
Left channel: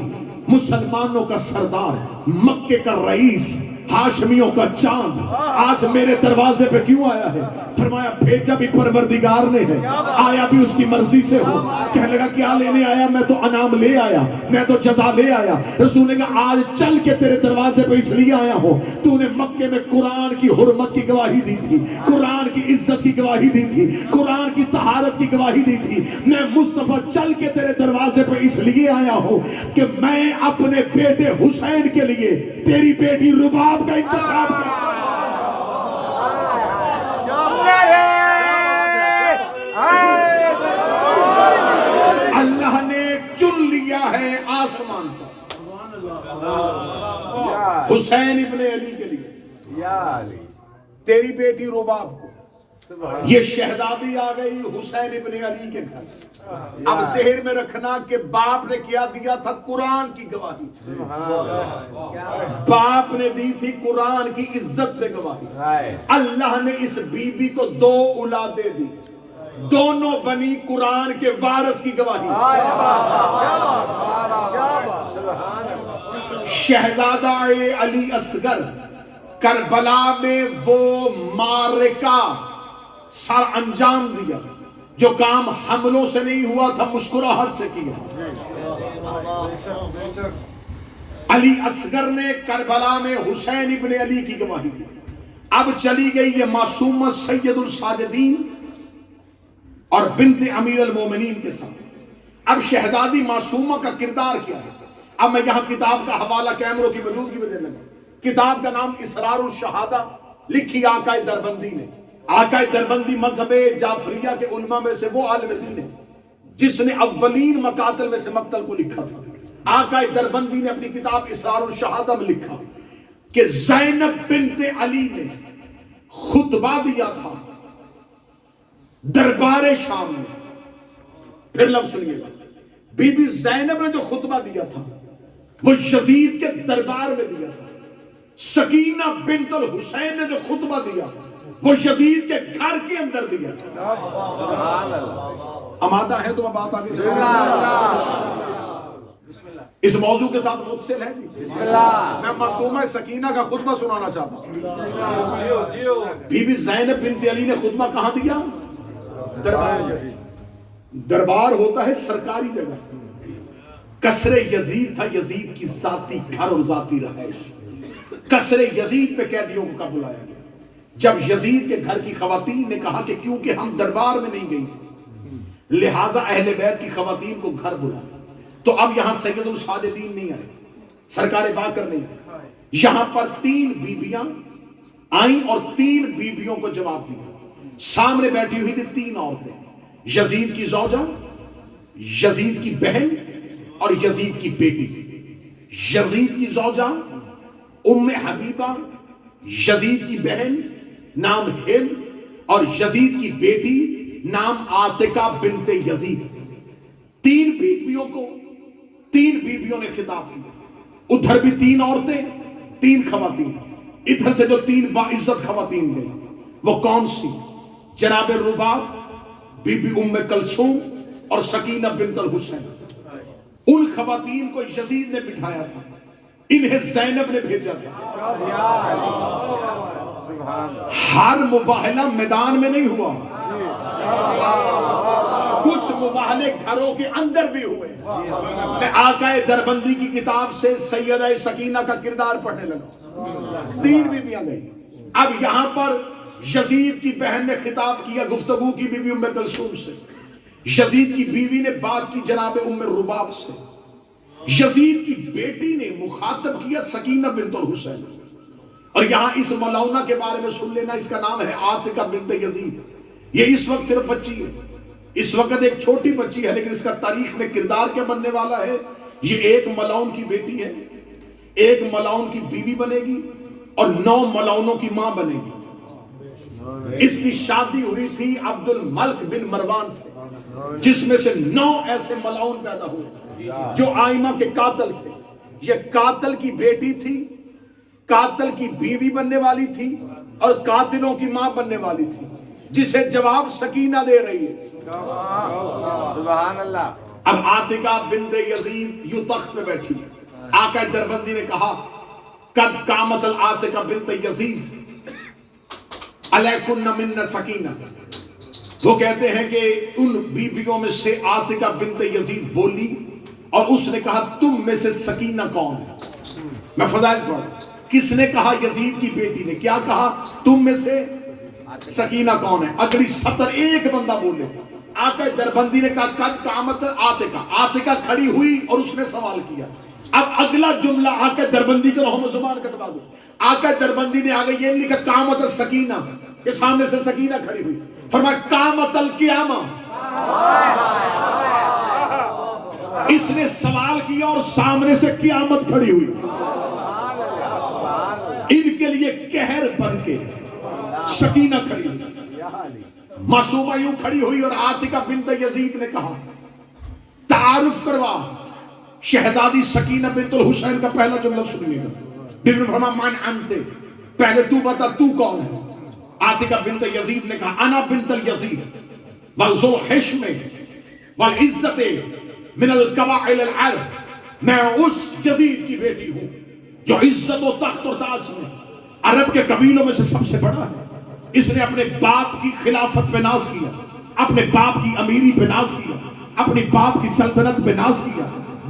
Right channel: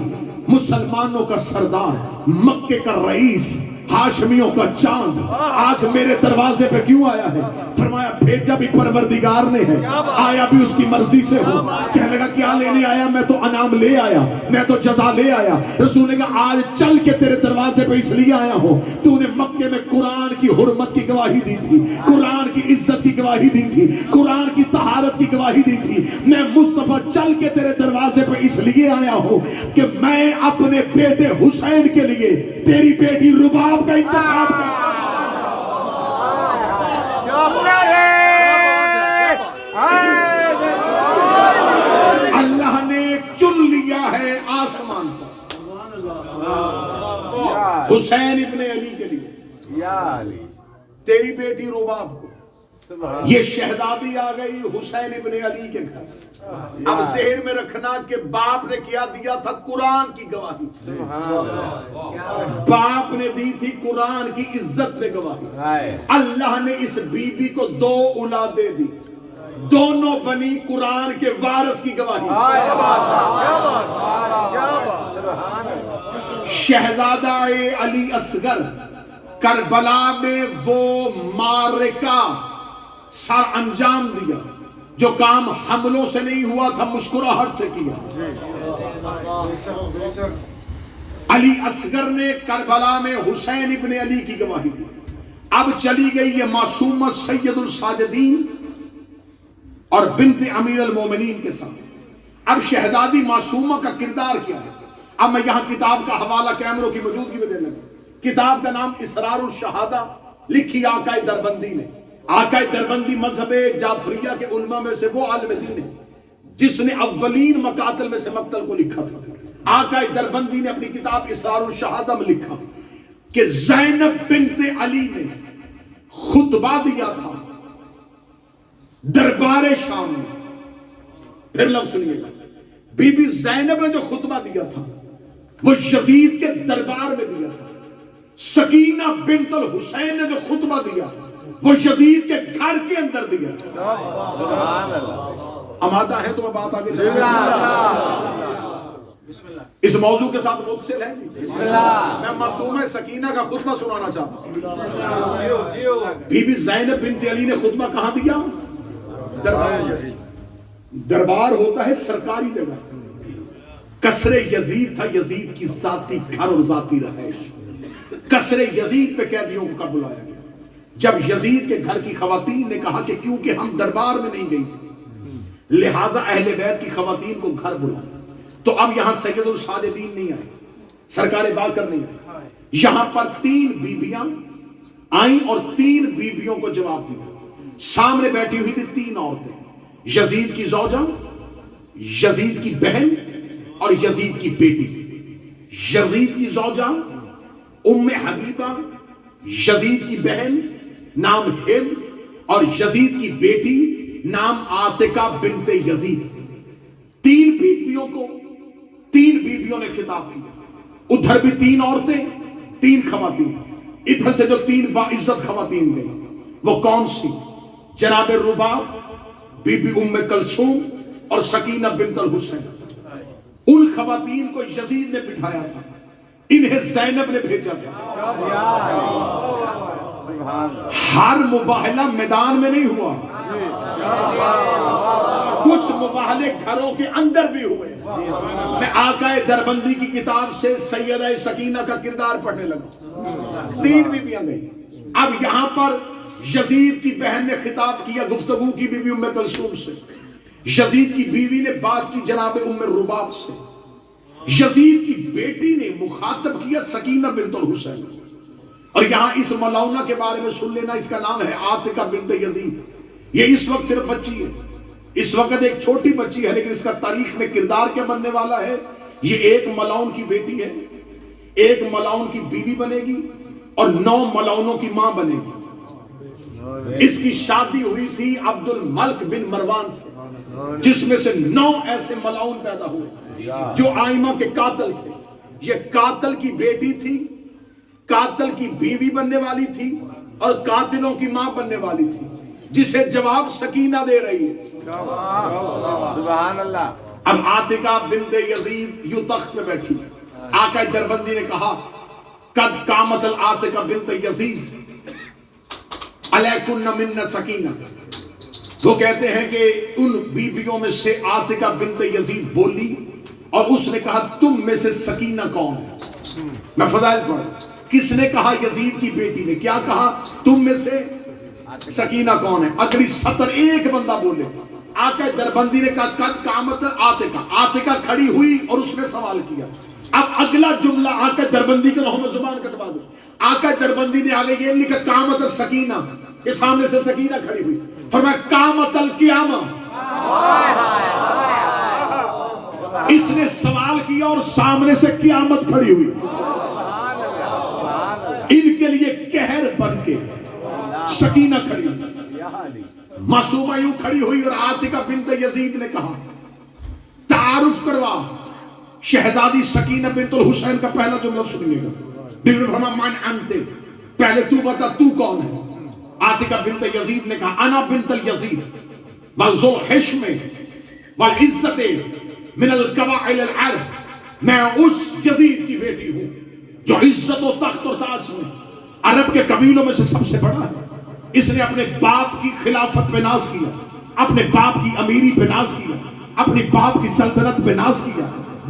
مسلمانوں کا سردار, مکے کا رئیس, ہاشمیوں کا چاند آج میرے دروازے پہ کیوں آیا ہے؟ فرمایا بھیجا بھی پروردگار نے ہے, آیا بھی اس کی مرضی سے ہو. کہنے لگا کیا لینے آیا؟ میں تو انعام لے آیا, میں تو جزا لے آیا. رسول نے کہا آج چل کے تیرے دروازے پہ اس لیے آیا ہوں, تو نے مکے میں قرآن کی حرمت کی گواہی دی تھی, قرآن کی عزت کی گواہی دی تھی, قرآن کی طہارت کی گواہی دی تھی. میں مصطفیٰ چل کے تیرے دروازے پہ اس لیے آیا ہوں کہ میں اپنے بیٹے حسین کے لیے تیری بیٹی رباب کا انتخاب کر. اللہ نے چن لیا ہے آسمان پر حسین ابن علی کے لیے تیری بیٹی رباب کو. یہ شہزادی آ گئی حسین ابن علی کے گھر. اب ذہن میں رکھنا کہ باپ نے کیا دیا تھا؟ قرآن کی گواہی. باپ نے دی تھی قرآن کی عزت پہ گواہی. اللہ نے اس بی بی کو 2 اولادیں دی, دونوں بنی قرآن کے وارث کی گواہی. شہزادہ علی اصغر کربلا میں وہ معرکہ سر انجام دیا جو کام حملوں سے نہیں ہوا تھا, مسکراہٹ سے کیا. علی اصغر نے کربلا میں حسین ابن علی کی گواہی دی. اب چلی گئی یہ معصومہ سید الساجدین اور بنت امیر المومنین کے ساتھ. اب شہزادی معصومہ کا کردار کیا ہے؟ اب میں یہاں کتاب کا حوالہ کیمروں کی موجودگی میں دینے لگا. کتاب کا نام اسرار الشہادہ، لکھی آقا دربندی نے. آقا دربندی مذہب جعفریہ کے علماء میں سے وہ عالم دین ہے جس نے اولین مقاتل میں سے مقتل کو لکھا تھا. آقا دربندی نے اپنی کتاب اسرار الشہادہ میں لکھا کہ زینب بنت علی نے خطبہ دیا تھا دربار شام میں. پھر لفظ سنیے گا، بی بی زینب نے جو خطبہ دیا تھا وہ یزید کے دربار میں دیا تھا. سکینہ بنت الحسین نے جو خطبہ دیا وہ یزید کے گھر کے اندر دیا تھا. آمادہ ہے تو میں بات آگے چلوں گا. اس موضوع کے ساتھ متصل ہے جی. میں معصومہ سکینہ کا خطبہ سنانا چاہتا ہوں. بی بی زینب بنت علی نے خطبہ کہاں دیا؟ دربار ہوتا ہے سرکاری جگہ. قصر یزید تھا، یزید کی ذاتی گھر اور ذاتی رہائش. قصر یزید پہ قیدیوں کو بلایا گیا. جب یزید کے گھر کی خواتین نے کہا کہ کیونکہ ہم دربار میں نہیں گئی تھی لہٰذا اہل بیت کی خواتین کو گھر بلایا، تو اب یہاں سید الساجدین نہیں آئے، سرکار باقر نہیں آئے. یہاں پر 3 بیبیاں آئیں اور 3 بیبیوں کو جواب دیا. سامنے بیٹھی ہوئی تھی 3 عورتیں، یزید کی زوجہ، یزید کی بہن اور یزید کی بیٹی. یزید کی زوجہ ام حبیبہ، یزید کی بہن نام ہند اور یزید کی بیٹی نام عاتکہ بنت یزید. 3 بیبیوں کو 3 بیبیوں نے خطاب کیا. ادھر بھی 3 عورتیں 3 خواتین. ادھر سے جو 3 باعزت خواتین گئی وہ کون سی؟ جناب رباب، بی بی ام کلثوم اور سکینہ بنت الحسین. ان خواتین کو یزید نے بٹھایا تھا، انہیں زینب نے بھیجا تھا. ہر مباہلہ میدان میں نہیں ہوا، کچھ مباہلے گھروں کے اندر بھی ہوئے. میں آقا دربندی کی کتاب سے سیدہ سکینہ کا کردار پڑھنے لگا. 3 بیویاں گئی. اب یہاں پر یزید کی بہن نے خطاب کیا، گفتگو کی بی بی ام کلثوم سے. یزید کی بیوی نے بات کی جناب ام رباب سے. یزید کی بیٹی نے مخاطب کیا سکینہ بنت الحسین. اور یہاں اس ملعونہ کے بارے میں سن لینا، اس کا نام ہے عاتکہ بنت یزید. یہ اس وقت صرف بچی ہے، اس وقت ایک چھوٹی بچی ہے، لیکن اس کا تاریخ میں کردار کیا بننے والا ہے. یہ ایک ملعون کی بیٹی ہے، ایک ملعون کی بیوی بنے گی اور 9 ملعونوں کی ماں بنے گی. اس کی شادی ہوئی تھی عبد الملک بن مروان سے، جس میں سے 9 ایسے ملعون پیدا ہوئے جو آئمہ کے قاتل تھے. یہ قاتل کی بیٹی تھی، قاتل کی بیوی بننے والی تھی اور قاتلوں کی ماں بننے والی تھی، جسے جواب سکینہ دے رہی ہے. سبحان اللہ. اب عاتکہ بنت یزید یوں تخت پہ بیٹھی. آقا دربندی نے کہا قد قامت العاتکہ بنت یزید علیکن من سکینہ. وہ کہتے ہیں کہ ان بیبیوں میں سے عاتکہ بنت یزید بولی اور اس نے کہا تم میں سے سکینہ کون ہے؟ میں فضائل پڑھ. کس نے کہا؟ یزید کی بیٹی نے. کیا کہا؟ تم میں سے سکینہ کون ہے؟ اگلی سطر ایک بندہ بولے. آقا دربندی نے کہا قد قامت عاتکہ. عاتکہ کھڑی ہوئی اور اس نے سوال کیا. اب اگلا جملہ آقا دربندی کے رہوں میں زبان کٹوا دو. آقا دربندی نے آگے یہ لکھا قامت السکینہ، کہ سامنے سے سکینہ کھڑی ہوئی. فرمایا قامت القیامہ. اس نے سوال کیا اور سامنے سے قیامت کھڑی ہوئی. ان کے لیے قہر بن کے سکینہ کھڑی ہوئی. معصومہ یوں کھڑی ہوئی اور عاتکہ بنت یزید نے کہا تعارف کروا. شہزادی سکینہ بنت الحسین کا پہلا جملہ سنیے گا. بی بی فرمایا من انت، پہلے تو بتا تو کون ہے؟ عاتکہ بنت یزید نے کہا انا بنت الیزید وذو حشم والعزت من القبائل العرب. میں اس یزید کی بیٹی ہوں جو عزت و تخت و تاج میں عرب کے قبیلوں میں سے سب سے بڑا ہے. اس نے اپنے باپ کی خلافت پہ ناز کیا، اپنے باپ کی امیری پہ ناز کیا، اپنے باپ کی سلطنت پہ ناز کیا.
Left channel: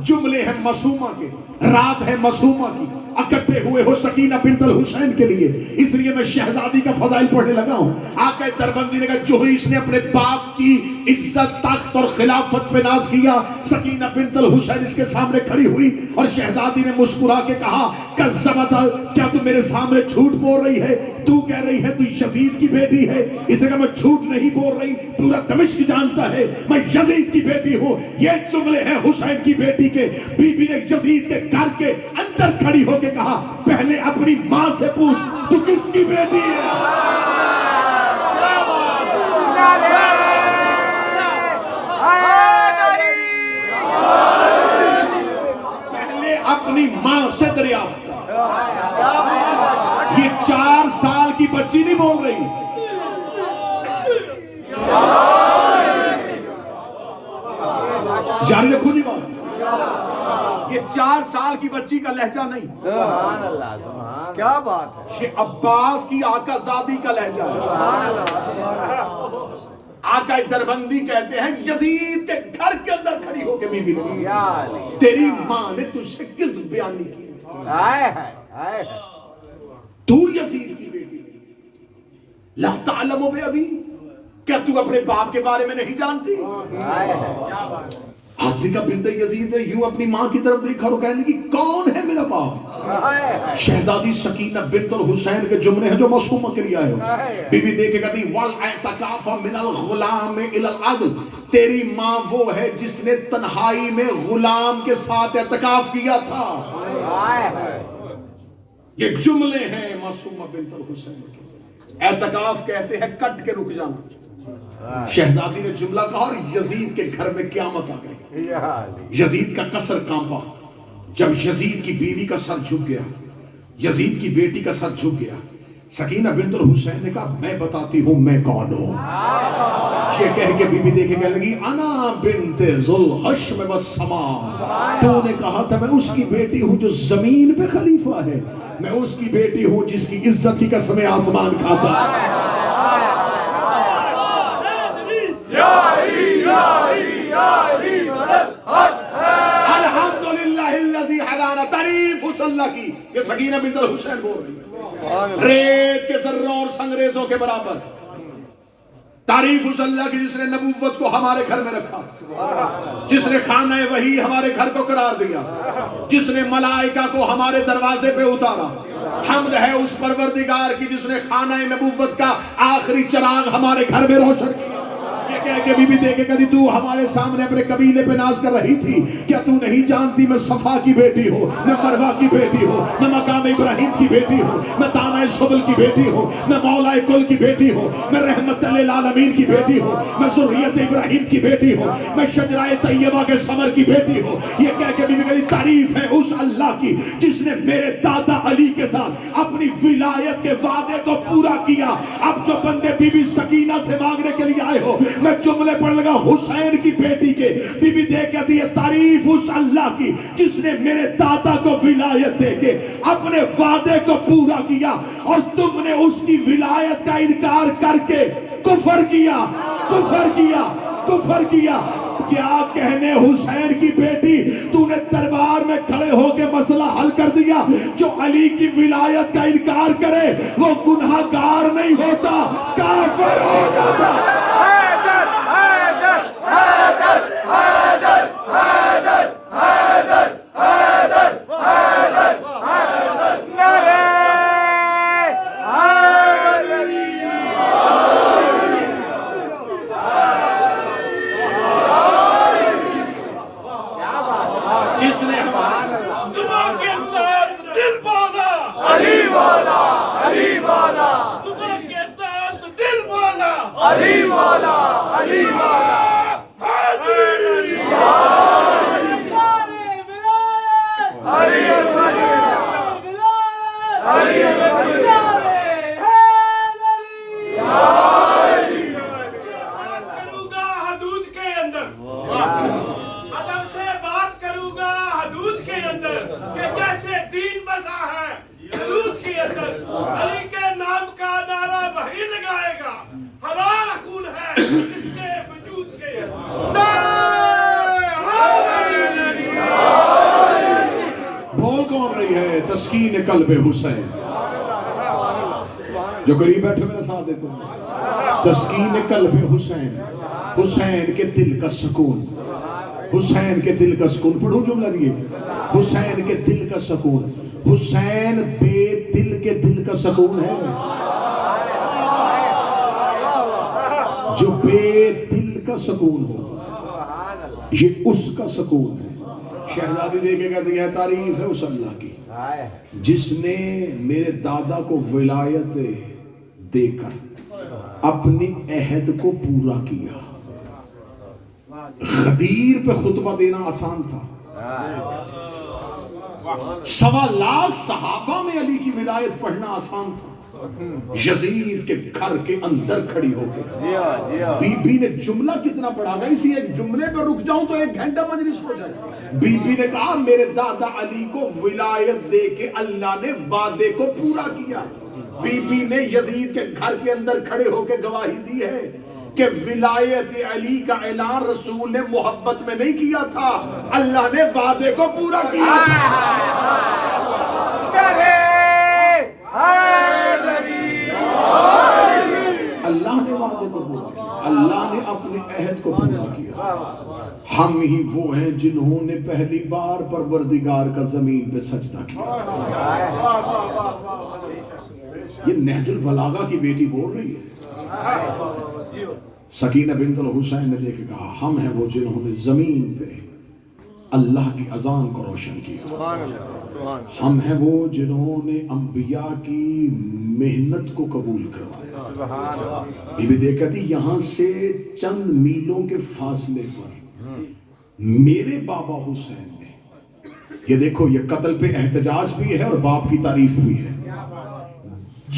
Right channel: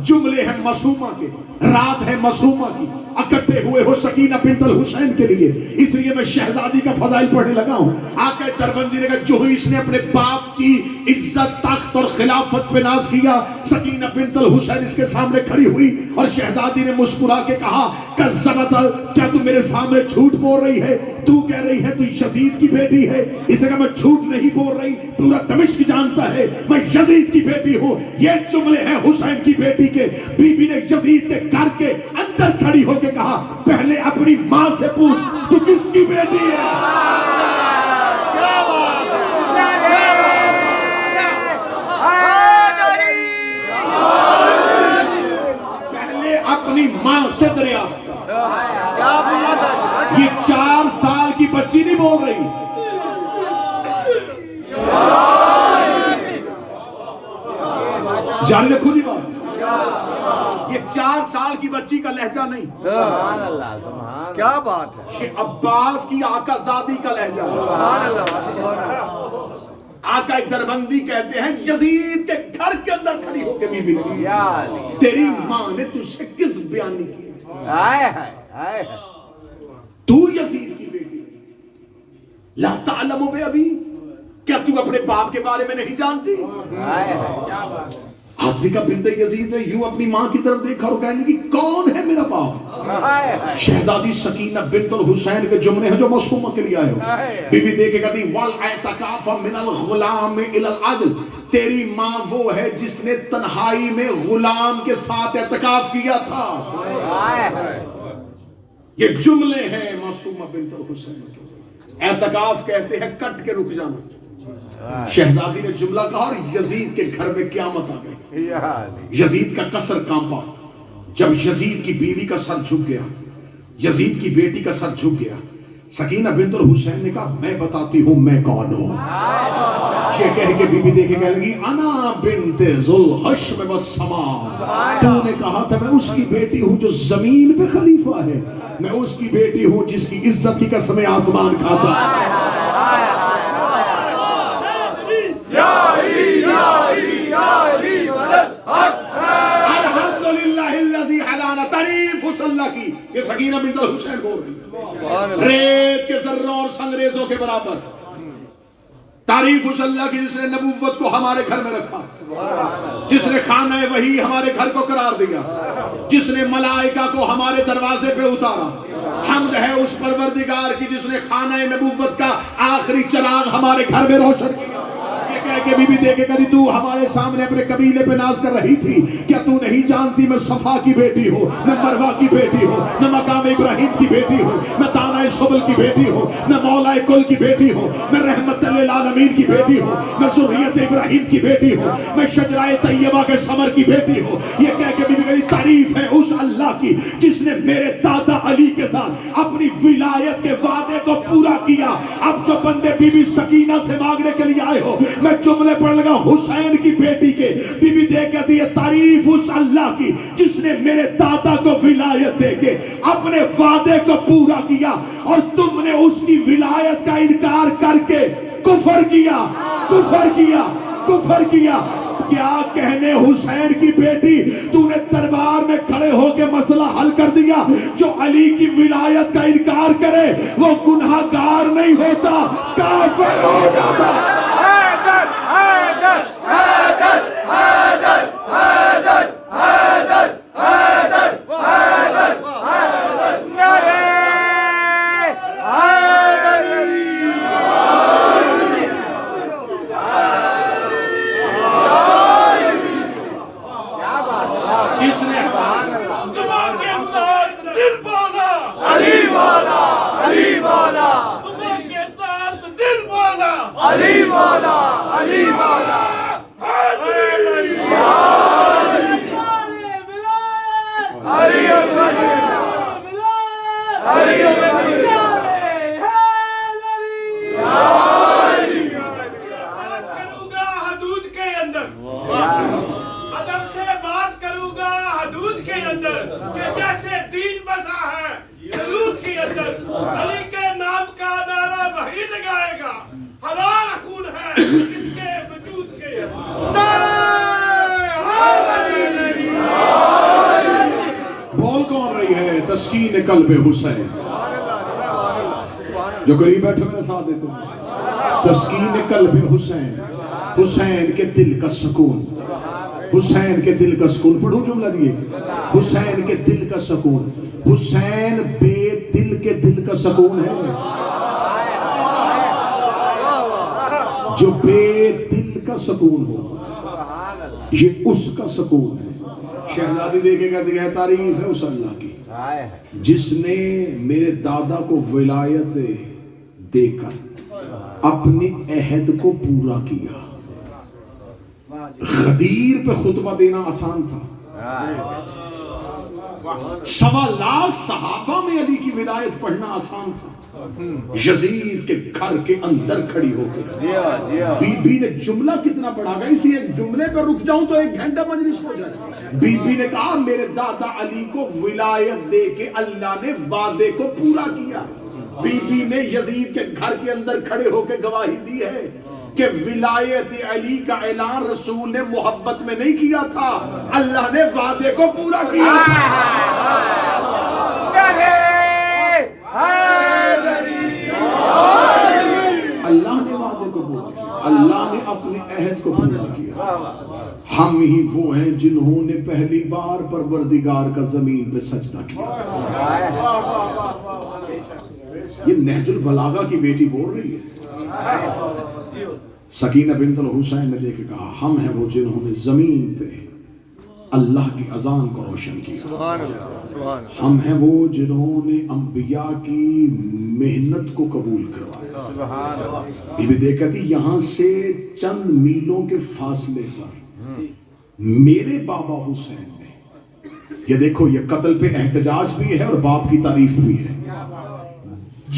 جملے ہیں معصومہ کے. رات ہے معصومہ کی، اکٹھے ہوئے ہو سکینہ بنت الحسین کے لیے، اس لیے میں شہزادی کا فضائل پڑھنے لگا ہوں۔ آقا دربندی نے کہا جو ہی اس نے اپنے باپ کی عزت، تخت اور خلافت پہ ناز کیا، سکینہ بنت الحسین اس کے سامنے کھڑی ہوئی اور شہزادی نے مسکرا کے کہا کذبت، کیا تو میرے سامنے جھوٹ بول رہی ہے؟ تو کہہ رہی ہے تو یزید کی بیٹی ہے۔ اس نے کہا میں جھوٹ نہیں بول رہی، پورا دمشق جانتا ہے میں یزید کی بیٹی ہوں۔ یہ جملے ہیں حسین کی بیٹی کے۔ بی بی نے یزید کے گھر کے اندر کھڑی ہو کے کہا پہلے اپنی ماں سے پوچھ تو کس کی بیٹی ہے؟ پہلے اپنی ماں سے دریافت کر۔ یہ 4 سال کی بچی نہیں بول رہی، جاری رکھو جی بات، یہ 4 سال کی بچی کا لہجہ نہیں، سبحان اللہ، سبحان کیا بات ہے، یہ عباس کی آقا زادی کا لہجہ ہے۔ سبحان اللہ، آقا دربندی کہتے ہیں یزید کے گھر کے اندر کھڑی ہو کے بی بی نے کہا یا علی، تیری ماں نے تجھ سے کس بیانی کی؟ ہائے ہائے ہائے، تو یزید کی بیٹی لا تعلم بے ابی، کیا تو اپنے باپ کے بارے میں نہیں جانتی؟ ہائے ہائے، عاتکہ بنت یزید نے یوں اپنی ماں کی طرف دیکھا اور کہنے کی کون ہے میرا باپ؟ ہائے ہائے، شہزادی سکینہ بنت الحسین کے جملے ہیں جو معصومہ کے لیے آئے ہو۔ بی بی دیکھے کہتی وَالْاعْتِكَافَ مِنَ الْغُلَامِ إِلَى الْعَدْلِ، تیری ماں وہ ہے جس نے تنہائی میں غلام کے ساتھ اعتکاف کیا تھا۔ ہائے ہائے، یہ جملے ہیں معصومہ بنت الحسین کے۔ اعتکاف کہتے ہیں کٹ کے رک جانا۔ شہزادی نے جملہ کہا اور یزید کے گھر میں قیامت آ گئی۔ یا علی، یزید کا قصر کانپا جب یزید کی بیوی کا سر جھک گیا، یزید کی بیٹی کا سر جھک گیا۔ سکینہ بنت الحسین نے کہا میں بتاتی ہوں میں کون ہوں۔ یہ کہہ کے بی بی دیکھے کہنے لگی انا بنت ذوالحشم والسماء، تو نے کہا تھا میں اس کی بیٹی ہوں جو زمین پہ خلیفہ ہے، میں اس کی بیٹی ہوں جس کی عزت کی قسم آسمان کھاتا ہے۔ الحمدللہ الذی ہدانا، تعریف اس اللہ کی۔ یہ سکینہ بنت الحسین بول رہی ہے، ریت کے ذروں اور سنگریزوں کے برابر۔ تعریف اس اللہ کی جس نے نبوت کو ہمارے گھر میں رکھا، جس نے خانہ وحی ہمارے گھر کو قرار دیا، جس نے ملائکہ کو ہمارے دروازے پہ اتارا۔ حمد ہے اس پروردگار کی جس نے خانہ نبوت کا آخری چراغ ہمارے گھر میں روشن کیا۔ یہ کہہ کے بی بی دیکھے کہتی تو ہمارے سامنے اپنے قبیلے پہ ناز کر رہی تھی، کیا تو نہیں جانتی میں صفا کی بیٹی ہوں، میں مروہ کی بیٹی ہوں، میں مقام ابراہیم کی بیٹی ہوں، میں دانہ سبل کی بیٹی ہوں، میں مولا کل کی بیٹی ہوں، میں رحمت للعالمین کی بیٹی ہوں، میں ذریت ابراہیم کی بیٹی ہوں، میں شجرہ طیبہ کے ثمر کی بیٹی ہوں۔ یہ کہہ کے بی بی کہتی تعریف ہے اس اللہ کی جس نے میرے دادا علی کے ساتھ اپنی ولایت کے وعدے کو پورا کیا۔ اب جو بندے بی بی سکینہ سے مانگنے کے لیے آئے ہو، میں جملے پڑھ لگا حسین کی بیٹی کے۔ بی بی دیکھ کہتی ہے تعریف اس اللہ کی جس نے میرے دادا کو ولایت دے کے اپنے وعدے کو پورا کیا، اور تم نے اس کی ولایت کا انکار کر کے کفر کیا، کفر کیا، کفر کیا۔ کیا کہنے حسین کی بیٹی، تو نے دربار میں کھڑے ہو کے مسئلہ حل کر دیا۔ جو علی کی ولایت کا انکار کرے وہ گناہ گار نہیں ہوتا، کافر ہو جاتا۔ حیدر حیدر حیدر حیدر حیدر حیدر حیدر حیدر حیدر، نعرہ حیدری، کیا بات ہے، جس نے صبح کے ساتھ دل بولا، علی مولا، علی مولا، صبح کے ساتھ دل بولا، علی مولا، علی مولا، علی اکبر، علی اکبر، کروں گا حدود کے اندر، ادب سے بات کروں گا حدود کے اندر، کہ جیسے دین بسا ہے حدود کے اندر، علی کے نام کا نعرہ وہی لگائے گا، ہمارا خون ہے اس کے وجود کے اندر۔ رہی ہے تسکین قلب حسین. جو قریب بیٹھے میرے ساتھ دیتے ہیں. تسکین قلب حسین, حسین کے دل کا سکون, حسین کے دل کا سکون. پڑھوں جملہ دیے, حسین کے دل کا سکون. حسین بے دل کے دل کا سکون ہے. جو بے دل کا سکون ہو یہ اس کا سکون ہے. شہزادی دیکھے کہتے ہیں تعریف ہے اس اللہ کی جس نے میرے دادا کو ولایت دے کر اپنے عہد کو پورا کیا. غدیر پہ خطبہ دینا آسان تھا. 1.25 لاکھ صحابہ میں علی کی ولایت پڑھنا آسان تھا. یزید کے گھر کے اندر کھڑی ہو کے بی بی نے جملہ کتنا پڑھا گا, اسی ایک جملے پہ رک جاؤں تو 1 گھنٹہ مجلس ہو جائے. بی بی نے کہا میرے دادا علی کو ولایت دے کے اللہ نے وعدے کو پورا کیا. بی بی نے یزید کے گھر کے اندر کھڑے ہو کے گواہی دی ہے کہ ولایت علی کا اعلان رسول نے محبت میں نہیں کیا تھا, اللہ نے وعدے کو پورا کیا تھا. اللہ نے وعدے کو پورا کیا, اللہ نے اپنے عہد کو پورا کیا. ہم ہی وہ ہیں جنہوں نے پہلی بار پروردگار کا زمین پہ سجدہ کیا تھا. یہ نہج البلاغہ کی بیٹی بول رہی ہے. سکینہ بنت الحسین نے دیکھ کے کہا ہم ہیں وہ جنہوں نے زمین پہ اللہ کی اذان کو روشن کیا. ہم ہیں وہ جنہوں نے انبیاء کی محنت کو قبول کروایا. یہ بھی دیکھا تھی یہاں سے چند میلوں کے فاصلے پر میرے بابا حسین نے, یہ دیکھو یہ قتل پہ احتجاج بھی ہے اور باپ کی تعریف بھی ہے.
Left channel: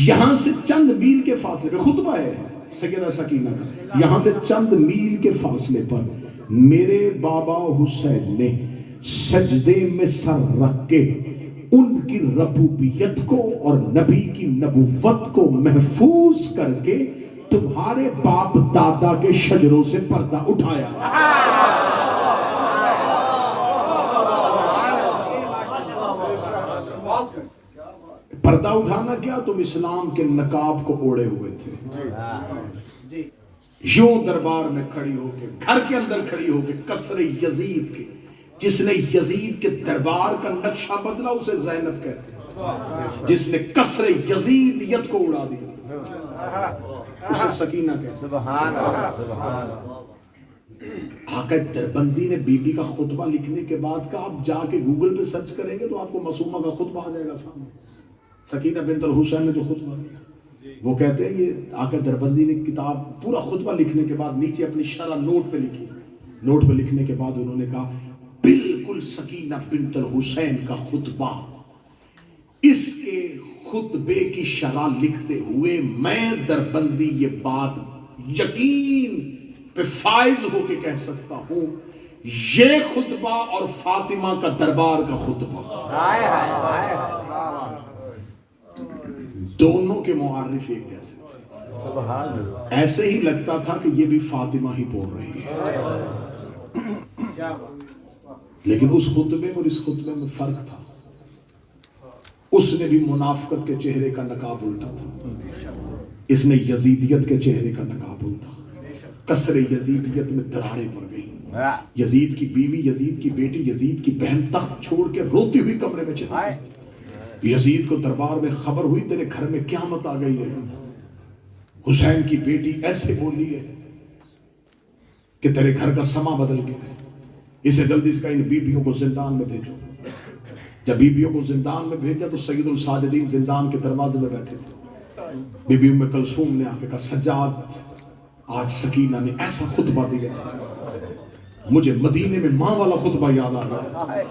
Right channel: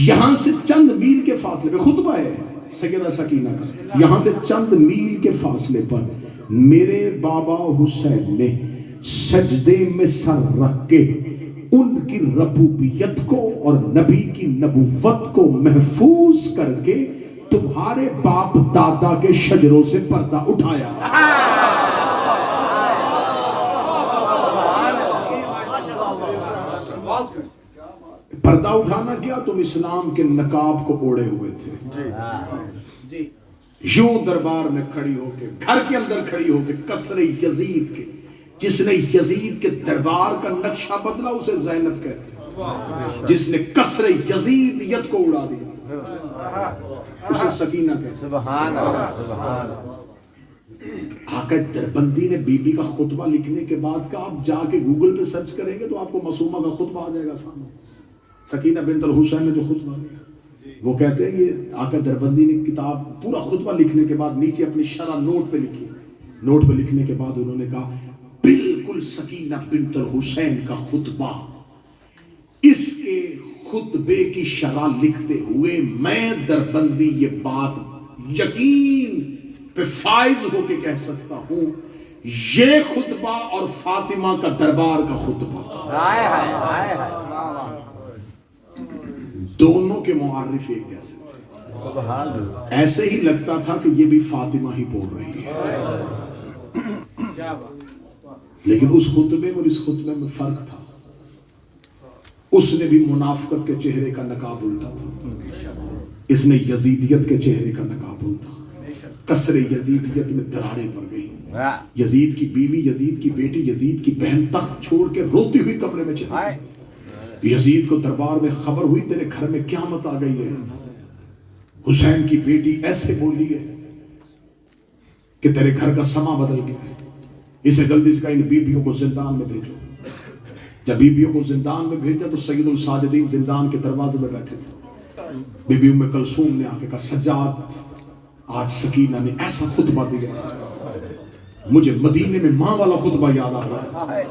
یہاں سے چند میل کے فاصلے پہ خطبہ ہے سیدہ سکینہ کا, یہاں سے چند میل کے فاصلے پر میرے بابا حسین نے سجدے میں سر رکھ کے ان کی ربوبیت کو اور نبی کی نبوت کو محفوظ کر کے تمہارے باپ دادا کے شجروں سے پردہ اٹھایا. پردہ اٹھانا کیا, تم اسلام کے نقاب کو اوڑے ہوئے تھے. یوں دربار میں کھڑی ہو کے, گھر کے اندر کھڑی ہو کے قصر یزید کے, جس نے یزید کے دربار کا نقشہ بدلا اسے زینب کہتے ہیں, جس نے قصر یزیدیت کو اڑا دیا اسے سکینہ کہتے ہیں. سبحان اللہ, سبحان اللہ. آقا دربندی نے بی بی کا خطبہ لکھنے کے بعد کا آپ جا کے گوگل پہ سرچ کریں گے تو آپ کو معصومہ کا خطبہ آ جائے گا سامنے. سکینہ بنت الحسین نے جو خطبہ دیا وہ کہتے ہیں یہ آقا دربندی نے کتاب پورا خطبہ لکھنے کے بعد نیچے اپنی شرح نوٹ پہ لکھی. نوٹ پہ لکھنے کے بعد انہوں نے کہا بالکل سکینہ بنت الحسین کا خطبہ, اس کے خطبے کی شرح لکھتے ہوئے میں دربندی یہ بات یقین پہ فائز ہو کے کہہ سکتا ہوں یہ خطبہ اور فاطمہ کا دربار کا خطبہ دونوں کے معرف ایک جیسے تھے. ایسے ہی لگتا تھا کہ یہ بھی فاطمہ ہی بول رہی ہے, لیکن اس خطبے اور اس خطبے میں فرق تھا. اس نے بھی منافقت کے چہرے کا نقاب الٹا تھا, اس نے یزیدیت کے چہرے کا نقاب الٹا. قصر یزیدیت میں دراڑیں پڑ گئی. یزید کی بیوی, یزید کی بیٹی, یزید کی بہن تخت چھوڑ کے روتی ہوئی کمرے میں چلی گئی. یزید کو دربار میں خبر ہوئی تیرے گھر میں قیامت آ گئی ہے. حسین کی بیٹی ایسے بولی ہے کہ تیرے گھر کا سما بدل گیا ہے, اسے جلدی سے ان بیبیوں کو زندان میں بھیجو. جب بیبیوں کو زندان میں بھیجا تو سید الساجدین زندان کے دروازے میں بیٹھے تھے. بی ام کلثوم نے آ کے کہا سجاد آج سکینہ نے ایسا خطبہ دیا مجھے مدینے میں ماں والا خطبہ یاد آ رہا ہے.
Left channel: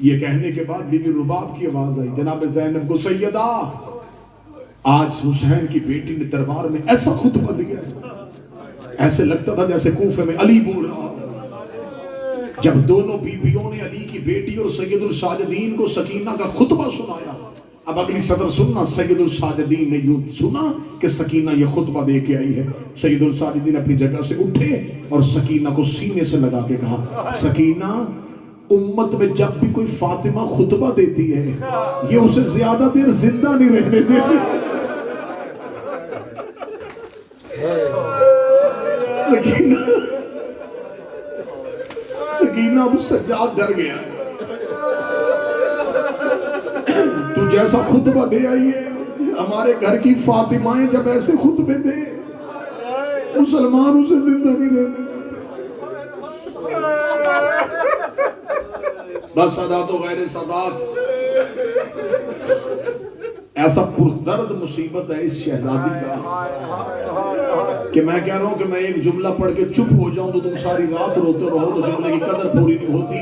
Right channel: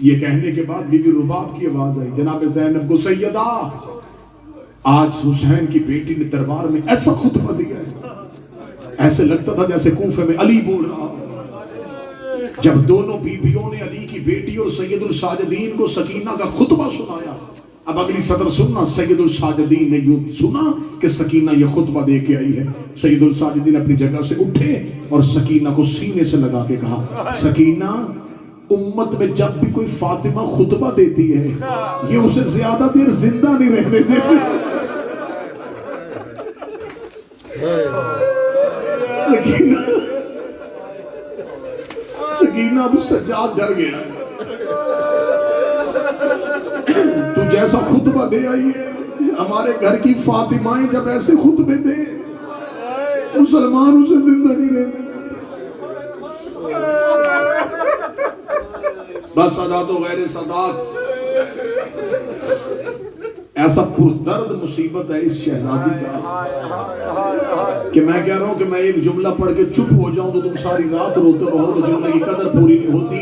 یہ کہنے کے بعد بی بی رباب کی آواز آئی جناب زینب کو سیدہ آج حسین کی بیٹی نے دربار میں ایسا خطبہ دیا ہے ایسے لگتا تھا جیسے کوفے میں علی بول رہا. جب دونوں بیویوں نے علی کی بیٹی اور سید الساجدین کو سکینہ کا خطبہ سنایا, اب اگلی سطر سننا. سید الساجدین نے یوں سنا کہ سکینہ یہ خطبہ دے کے آئی ہے. سید الساجدین اپنی جگہ سے اٹھے اور سکینہ کو سینے سے لگا کے کہا سکینہ امت میں جب بھی کوئی فاطمہ خطبہ دیتی ہے یہ اسے زیادہ دیر زندہ نہیں رہنے دیتی. سکینہ اب سجاد ڈر گیا. تو جیسا خطبہ دے آئی ہے ہمارے گھر کی فاطمائیں جب ایسے خطبے دے مسلمان اسے زندہ نہیں رہنے دیتے. بس سادات و غیر سادات ایسا پردرد مصیبت ہے اس شہزادی کا کہ میں کہہ رہا ہوں کہ میں ایک جملہ پڑھ کے چپ ہو جاؤں تو تم ساری رات روتے رہو تو جملے کی قدر پوری نہیں ہوتی.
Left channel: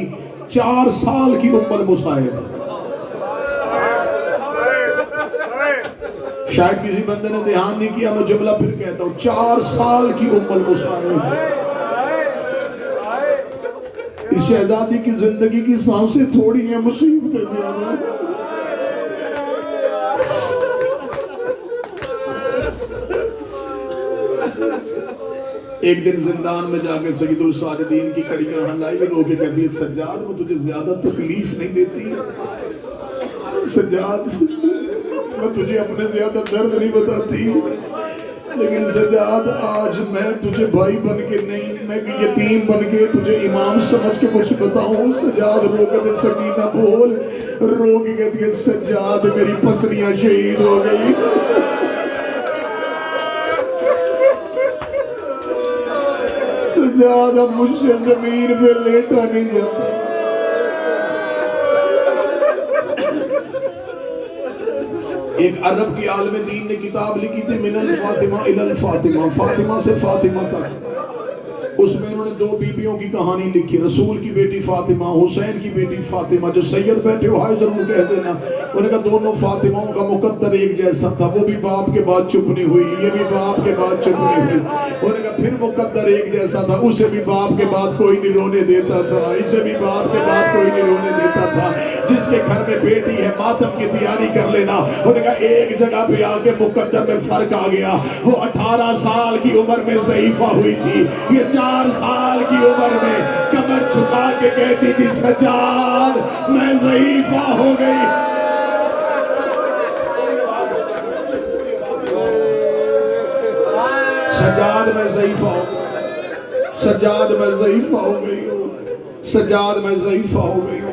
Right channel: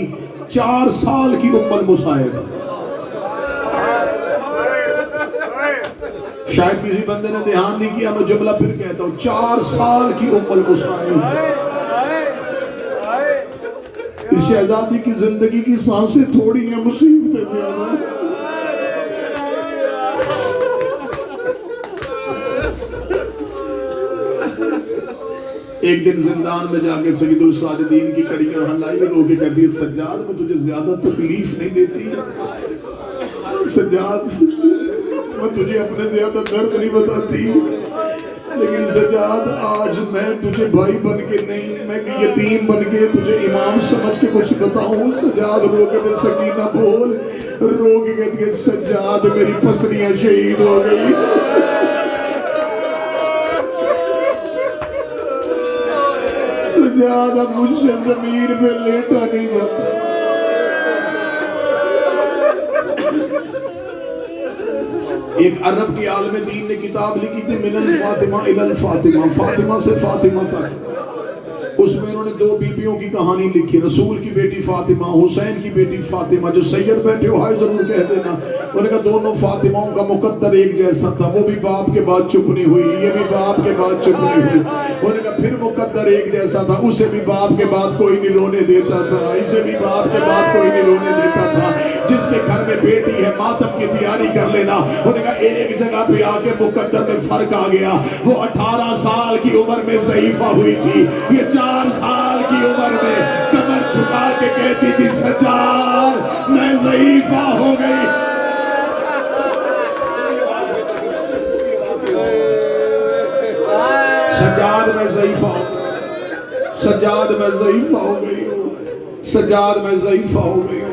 4 سال کی عمر مصائب. شاید کسی بندے نے دھیان نہیں کیا میں جملہ پھر کہتا ہوں 4 سال کی عمر مصائب. اس شہزادی کی زندگی کی سانسیں تھوڑی ہیں مصیبتیں زیادہ. ایک دن زندان میں جا کے سید الساجدین کی کڑیاں ہلائی رو کے کہتی ہے سجاد میں تجھے زیادہ تکلیف نہیں دیتی. سجاد میں تجھے اپنے زیادہ درد نہیں بتاتی لیکن سجاد آج میں تجھے بھائی بن کے نہیں میں یتیم بن کے تجھے امام سمجھ کے کچھ بتاؤں. سجاد رو کے دے سکینہ بول. رو کے کہتی ہے سجاد میری پسلیاں شہید ہو گئی. سجاد اب مجھ سے زمین پہ لیٹا نہیں جاتا. ایک عرب کی عالم دین نے کتاب لکھی تھی من الفاطمہ الی الفاطمہ, فاطمہ سے فاطمہ تک. اس میں انہوں نے 2 بیویوں کی کہانی لکھی. رسول کی بیٹی فاطمہ, حسین کی بیٹی فاطمہ. جو سید بیٹھے ہو ہائے ضرور کہہ دینا. انہوں نے کہا دونوں فاطمہوں کا مقدر ایک جیسا تھا. وہ بھی باپ کے بعد چپ نہیں ہوئی, یہ بھی باپ کے بعد چپ نہیں ہوئی. انہوں نے کہا پھر مقدر ایک جیسا تھا. اسے بھی باپ کے بعد کوئی نہیں رونے دیتا تھا, اسے بھی باپ کے بعد کوئی نہیں رونے دیتا تھا. جس کے گھر میں بیٹی ہے ماتم کی تیاری کر لینا. انہوں نے کہا ایک جگہ پہ آ کے مقدر میں فرق آ گیا. وہ 18 سال کی عمر میں ضعیفہ ہوئی تھی. یہ 4 سال کی عمر میں کمر چھکا کے کہتی تھی سجاد میں ضعیفہ ہو گئی. سجاد میں ضعیفہ ہو گئی. سجاد میں ضعیفہ ہو گئی ہوں. سجاد میں ضعیفہ ہو گئی ہوں.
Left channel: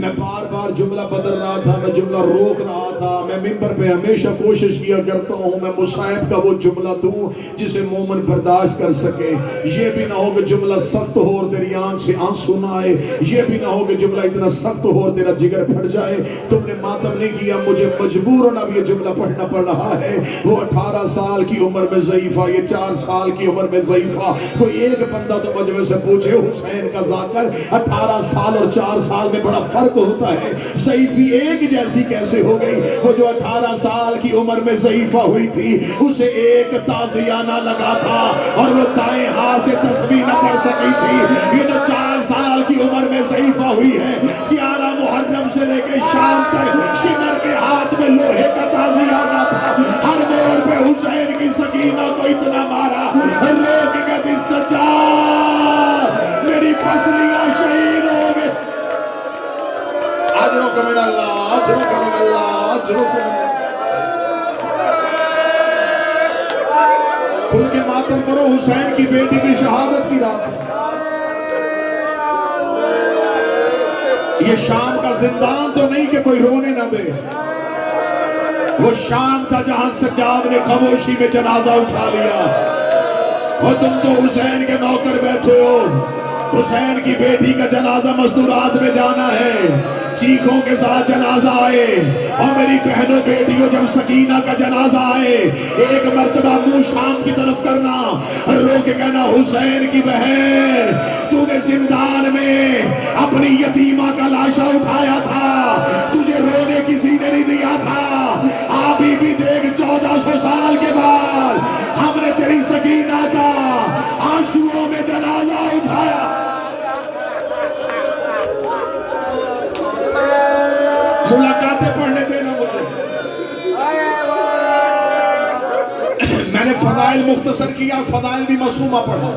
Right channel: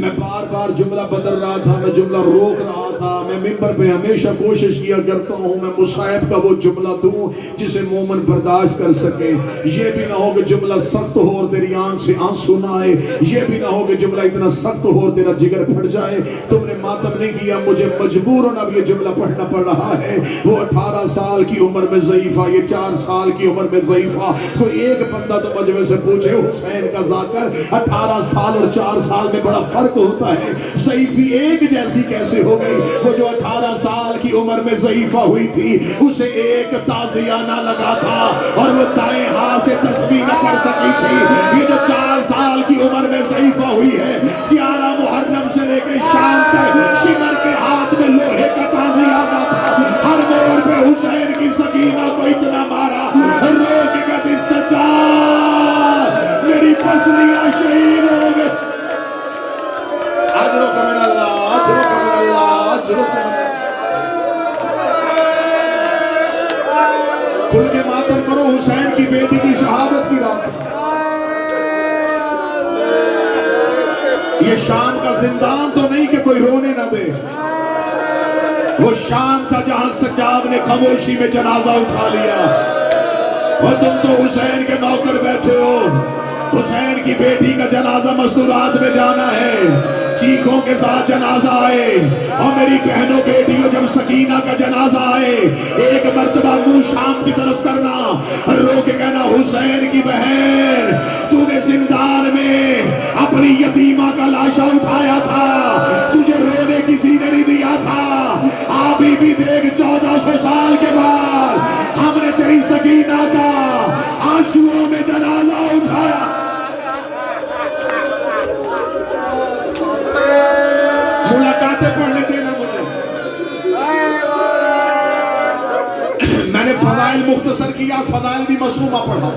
میں بار بار جملہ بدل رہا تھا, میں جملہ روک رہا تھا. میں منبر پہ ہمیشہ کوشش کیا کرتا ہوں میں مصائب کا وہ جملہ دوں جسے مومن برداشت کر سکے. یہ بھی نہ ہو کہ جملہ سخت ہو اور تیری آنکھ سے آنسو نہ آئے. یہ بھی نہ ہو کہ جملہ اتنا سخت ہو اور تیرا جگر پھٹ جائے. تم نے ماتم نہیں کیا, مجھے مجبوراً اب یہ جملہ پڑھنا پڑ رہا ہے. وہ 18 سال کی عمر میں ضعیفہ, یہ 4 سال کی عمر میں ضعیفہ. کوئی ایک بندہ تو مجمع سے پوچھے حسین کا ذاکر 18 سال اور 4 سال میں بڑا فرق ہوتا ہے, ضعیفی ایک جیسی کیسے ہو گئی؟ وہ جو 18 سال کی عمر میں ضعیفہ ہوئی تھی اسے ایک تازیہ نہ لگا تھا اور وہ دائیں ہاتھ سے تسبیح نہ پڑھ سکی تھی. یہ جو 4 سال کی عمر میں ضعیفہ ہوئی ہے 11 محرم سے لے کے شام تک شمر کے ہاتھ میں لوہے کا تازیہ آنا تھا. ہر موڑ پہ حسین کی سکینہ کو اتنا مارا رو کے کہتی سجاد میری پسلیاں شہید ہو گئے. اجرک من اللہ, اجرک من اللہ, اجرک من اللہ. کھل کے ماتم کرو, حسین کی بیٹی کی شہادت کی رات. یہ شام کا زندان تو نہیں کہ کوئی رونے نہ دے. وہ شام تھا جہاں سجاد نے خاموشی میں جنازہ اٹھا لیا. وہ تم تو حسین کے نوکر بیٹھے ہو. حسین کی بیٹی کا جنازہ مستورات میں جانا ہے, چیخوں کے ساتھ جنازہ آئے. اور میری بہنوں بیٹیوں جب سکینہ کا جنازہ آئے ایک مرتبہ منہ شام کی طرف کرنا, رو کے کہنا حسین کی بہن تو نے زندان میں اپنی یتیمہ کا لاشا اٹھایا تھا, تجھے رونے کسی نے نہیں دیا تھا. ابھی بھی دیکھ 1400 سال کے بعد ہم نے تیری سکینہ کا آنسوؤں میں جنازہ اٹھایا. ملاقاتیں پڑھنے دینا مجھے. میں نے فضائل مختصر کیا, فضائل بھی معصومہ پڑھا.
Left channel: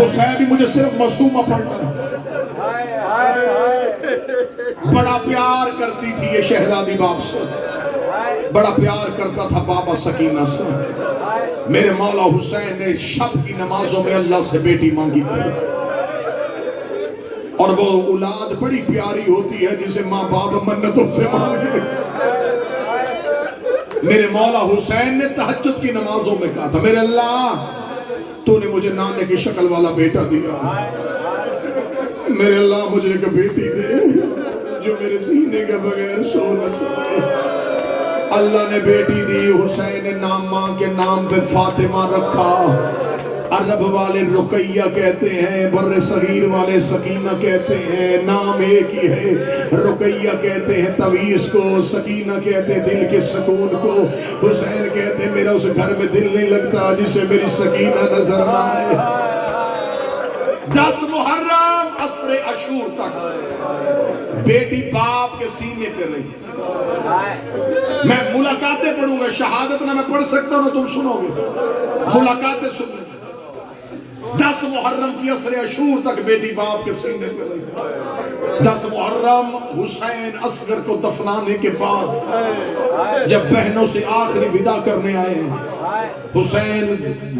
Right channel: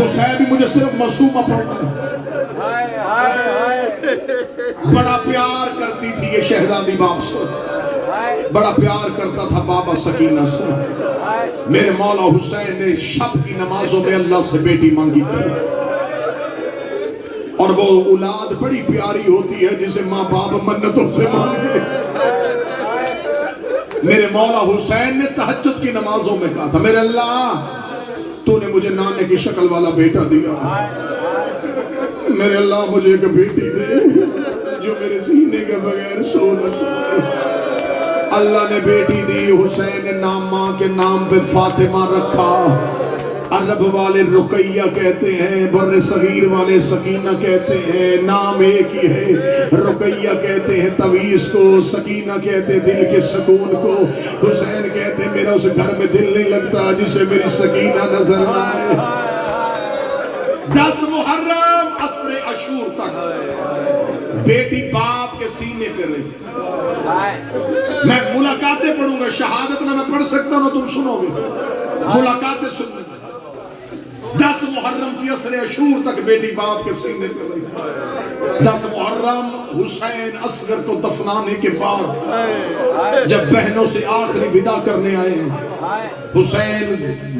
مصحف بھی مجھے صرف معصومہ پڑھنا. بڑا پیار کرتی تھی یہ شہزادی باپ سے، بڑا پیار کرتا تھا بابا سکینہ سے۔ میرے مولا حسین نے شب کی نمازوں میں اللہ سے بیٹی مانگی تھی، اور وہ اولاد بڑی پیاری ہوتی ہے جسے ماں باپ منتوں سے مانگے۔ میرے مولا حسین نے تہجد کی نمازوں میں کہا تھا، میرے اللہ تو نے مجھے نانے کی شکل والا بیٹا دیا، میرے اللہ مجھے ایک بیٹی دے جو میرے سینے کے بغیر سو نہ سکے۔ اللہ نے بیٹی دی، حسین نے نام ماں کے نام پہ فاطمہ رکھا۔ عرب والے رقیہ کہتے ہیں، بر صغیر والے سکینہ کہتے ہیں، نام ایک ہی ہے۔ رقیہ کہتے ہیں تویس کو، سکینہ کہتے ہیں دل کے سکون کو۔ حسین کہتے ہیں میرا اس گھر میں دل نہیں لگتا جسے میری سکینہ نظر نہ آئے۔ 10 محرم عصر عاشور تک بیٹی باپ کے سینے پہ رہی۔ میں ملاقاتیں پڑھوں گا، شہادت نہ میں پڑھ سکتا ہوں، تم سنو گے، ملاقاتیں سنو۔ 10 محرم کی عصر عاشور تک بیٹی باپ کے سینے پہ رہی۔ 10 محرم حسین اصغر کو دفنانے کے بعد جب بہنوں سے آخری ودا کرنے آئے، حسین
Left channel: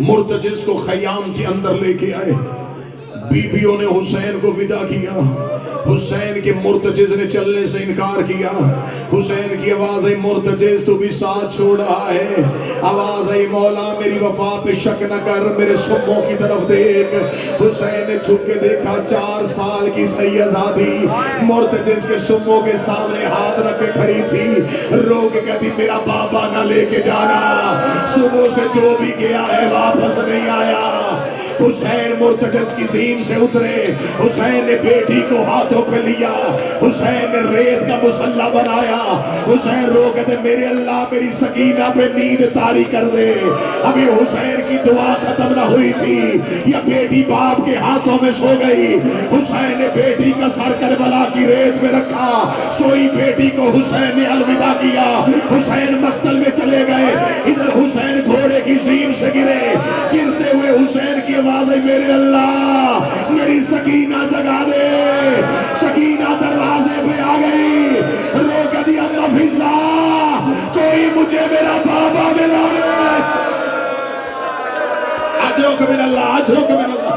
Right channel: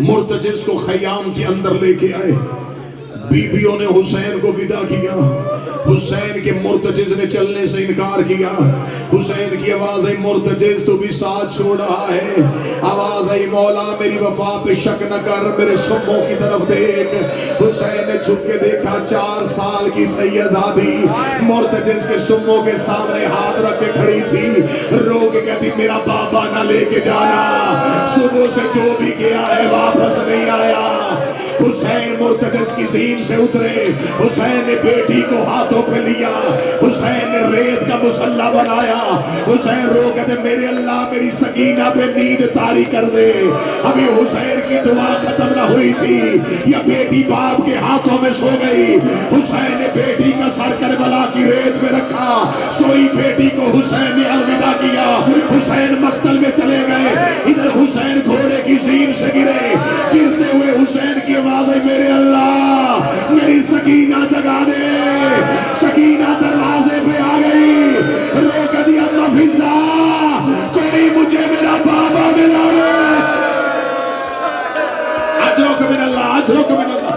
مرتجز کو خیام کے اندر لے کے آئے۔ بیویوں نے حسین کو ودا کیا، حسین کے مرتجز نے چلنے سے انکار کیا۔ حسین کی آواز آئی، مرتجز تو بھی ساتھ چھوڑ رہا ہے۔ آواز آئی، مولا میری وفا پہ شک نہ کر، میرے سموں کی طرف دیکھ۔ حسین نے جھک کے دیکھا، 4 سال کی سیدزادی مرتجز کے سموں کے سامنے ہاتھ رکھ کے کھڑی تھی، رو کے کہتی میرا بابا نہ لے کے جانا، صبح سے جو بھی گیا ہے واپس نہیں آیا۔ حسین مرتجز کی زین سے اترے، حسین نے بیٹی کو ہاتھوں پہ لیا، حسین نے ریت کا مصلی بنایا۔ حسین رو کہتے میرے اللہ میری سکینہ پہ نیند طاری کر دے۔ ابھی حسین کی دعا ختم نہ ہوئی تھی، یہ بیٹی باپ کے ہاتھوں میں سو گئی۔ حسین نے بیٹی کا سر کربلا کی ریت میں رکھا، سوئی بیٹی کو حسین نے الوداع کیا۔ حسین مقتل میں چلے گئے، ادھر حسین گھوڑے کی زین سے گرے، گرتے ہوئے حسین کی آواز ہے میرے اللہ میری سکینہ جگا دے۔ سکینہ دروازے پہ آ گئی، رو کے دی اماں فضا کوئی مجھے میرا بابا ملا ہے۔ اجرک من اللہ، اجرک من اللہ۔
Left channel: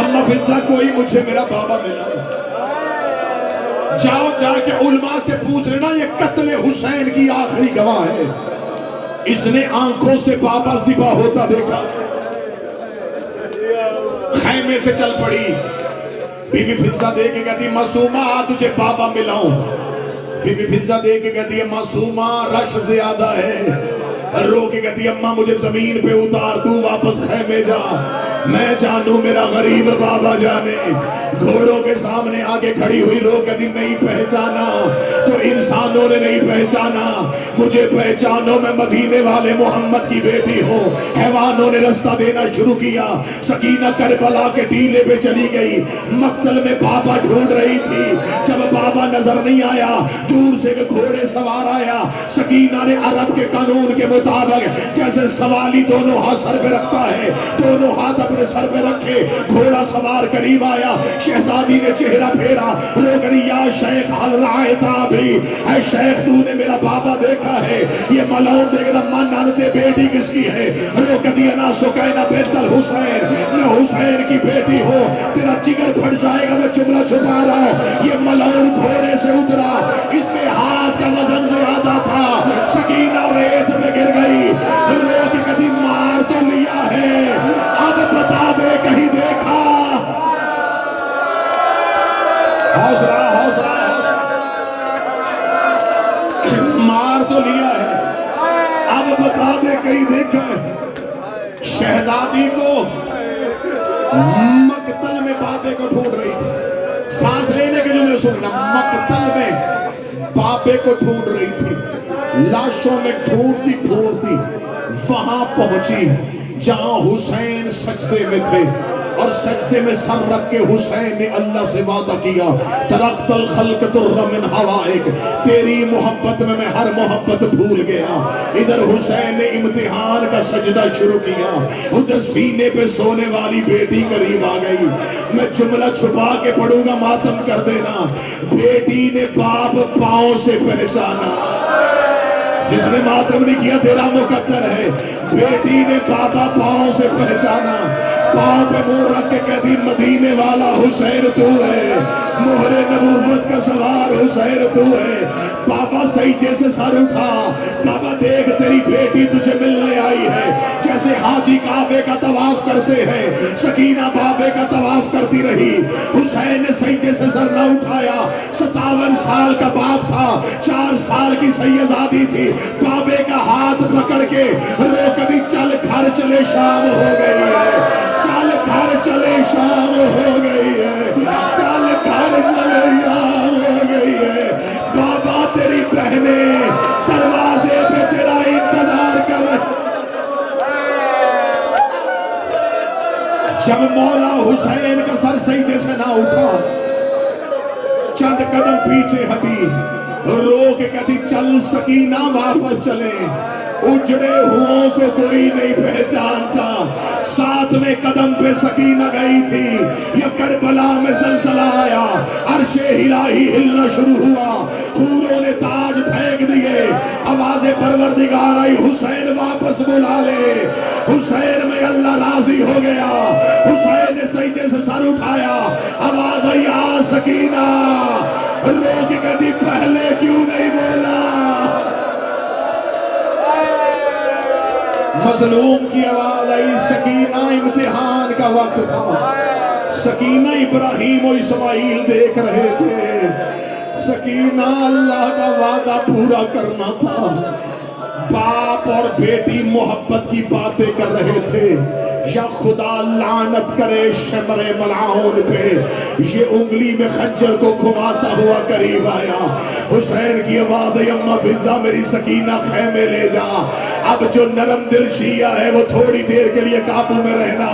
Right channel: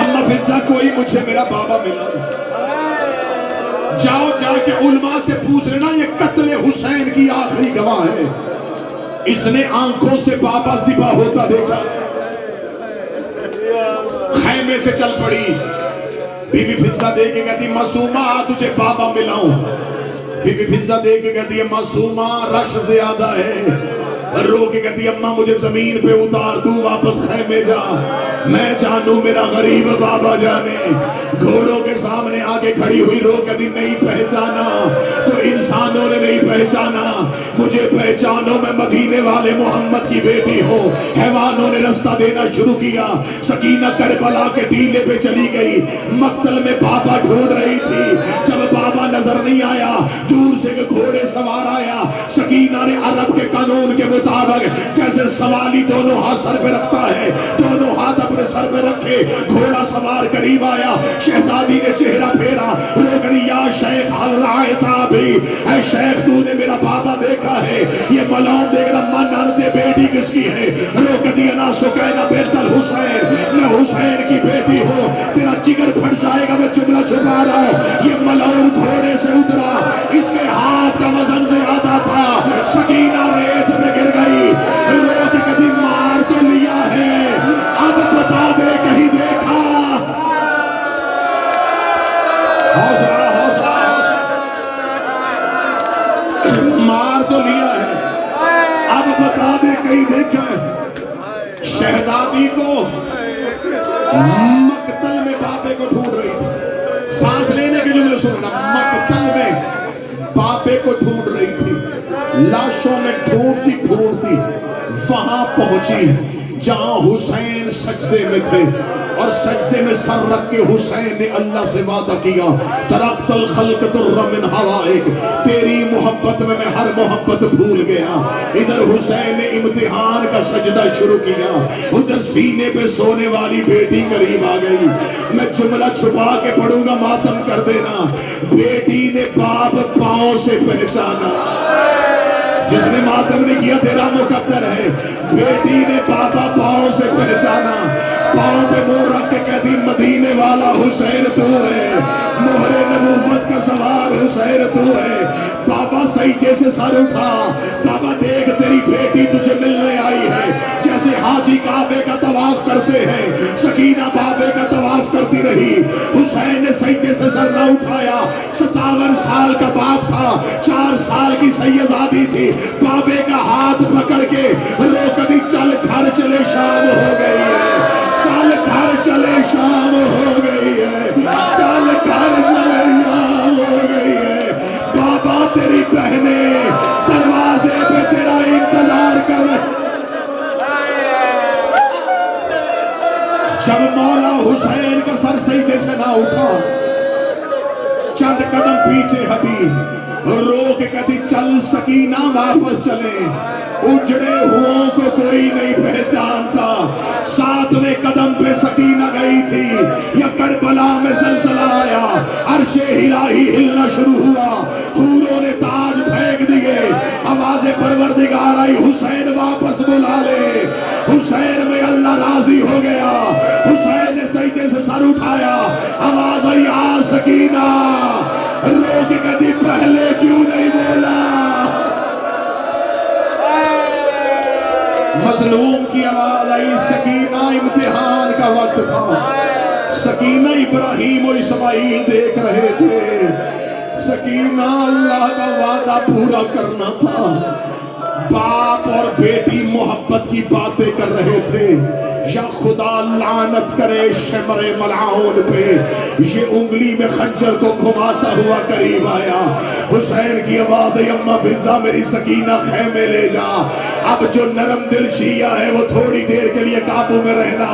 اماں فضا کوئی مجھے میرا بابا ملا ہے۔ جاؤ جا کے علماء سے پوچھ لینا، یہ قتل حسین کی آخری گواہ ہے، اس نے آنکھوں سے بابا ذبح ہوتا دیکھا۔ خیمے سے چل پڑی، بی بی فضا دے کے کہتی معصومہ تجھے بابا ملاؤں۔ بی بی فضا دے کے کہتی ہے معصومہ رش زیادہ ہے۔ رو کے کہتی اماں مجھے زمین پہ اتار، تو واپس خیمے جا، میں جانوں میرا غریب بابا جانے۔ گھوڑوں کے سامنے آگے کھڑی ہوئی رو کہتی نہیں پہچانا تو انسانوں نے نہیں پہچانا، مجھے پہچانو میں مدینے والے محمد کی بیٹی ہوں۔ حیوانوں نے رستہ دینا شروع کیا، سکینہ کربلا کے ٹیلے پہ چلی گئی، مقتل میں بابا ڈھونڈ رہی تھی۔ جب بابا نظر نہیں آیا، دور سے ایک گھوڑے سوار آیا۔ سکینہ نے عرب کے قانون کے مطابق جیسے سوالی دونوں ہاتھ سر پہ رکھتا ہے، دونوں ہاتھ اپنے سر پہ رکھے، گھوڑا سوار قریب آیا، شہزادی نے چہرہ پھیرا، رو کر یا شیخ حل رائتا بھی، اے شیخ تو نے میرا بابا دیکھا ہے؟ یہ ملعون دیکھ رہا من نانتے بیٹی کس کی ہے؟ رو کر دیا نا سکینہ بنت الحسین، میں حسین کی بیٹی ہوں، تیرا جگر پھٹ جائے گا میں جملہ چھپا رہا ہوں۔ یہ ملعون گھوڑے سے اترا، اس کے ہاتھ کا وزن زیادہ تھا، سکینہ ریت میں گر گئی، رو کے کہتی مار تو لیا ہے، اب بتا دے کہیں دیکھا؟ حوصلہ حوصلہ مار تو لیا ہے، اب بتا دے کہیں دیکھا ہے؟ شہزادی کو مقتل میں بابے کو ڈھونڈ رہی تھی، سانس لینے کے جملے سننا، مقتل میں بابے کو ڈھونڈ رہی تھی، لاشوں میں ڈھونڈتی ڈھونڈتی وہاں پہنچی جہاں حسین سجدے میں تھے، اور سجدے میں سر رکھ کے حسین نے اللہ سے وعدہ کیا ترکت الخلق تر من ہوائک، تیری محبت میں ہر محبت بھول گیا۔ ادھر حسین نے امتحان کا کا سجدہ شروع کیا، ادھر سینے پہ سونے والی بیٹی قریب آ گئی. میں جملہ چھپا کے پڑھوں گا، ماتم کر دینا. بیٹی نے باپ پاؤں سے پہچانا. جس نے ماتم نہیں کیا تیرا مقدر ہے. بیٹی نے پاپا پاؤں سے پہچانا، پاؤں پہ منہ رکھ کے کہتی مدینے والا حسین تو ہے، مہر نبوت کا سوار حسین تو ہے. بابا سجدے سے سر اٹھا، بابا دیکھ تیری بیٹی تجھے ملنے آئی ہے. جیسے حاجی کعبے کا طواف کرتے ہیں، سکینہ بابے کا طواف کرتی رہی. حسین نے سجدے سے سر نہ اٹھایا. 57 سال کا باپ تھا، 4 سال کی سیدادی تھی. بابے کا ہاتھ پکڑ کے روک دی، چل گھر چلے شام ہو گئی ہے، چل گھر چلے شام ہو گئی ہے، چل گھر چلے شام ہو گئی ہے. بابا تیری بہنیں دروازے پہ تیرا انتظار کر رہے. جب مولا حسین کا سر سجدے سے نہ اٹھا، چند قدم پیچھے ہٹی، رو کے کہتی چل سکینہ واپس چلیں. اجڑے ہوں کو کوئی نہیں پہچانتا. 7ویں قدم پہ سکینہ گئی تھی، یا کربلا میں زلزلہ آیا، عرش الہی ہلنا شروع ہوا، حوروں نے تاج پھینک دیے. آواز پروردگار آئی، حسین واپس بلا لے. حسین میں اللہ راضی ہو گیا. حسین نے سجدے سے سر اٹھایا، آواز آئی آ سکینہ. رو کے کہتی پہلے کیوں نہیں بولا. مظلوم کی آواز آئی، سکینہ امتحان کا وقت تھا. سکینہ ابراہیم و اسماعیل دیکھ رہے تھے. سکینہ اللہ کا وعدہ پورا کرنا تھا. باپ اور بیٹی محبت کی باتیں کر رہے تھے. یا خدا لعنت کرے شمر ملعون پہ، یہ انگلی میں خنجر کو گھماتا ہوا قریب آیا. حسین کی آواز ہے، اماں فضہ میری سکینہ خیمے لے جا. اب جو نرم دل شیعہ ہے وہ تھوڑی دیر کے لیے قابو میں رہنا.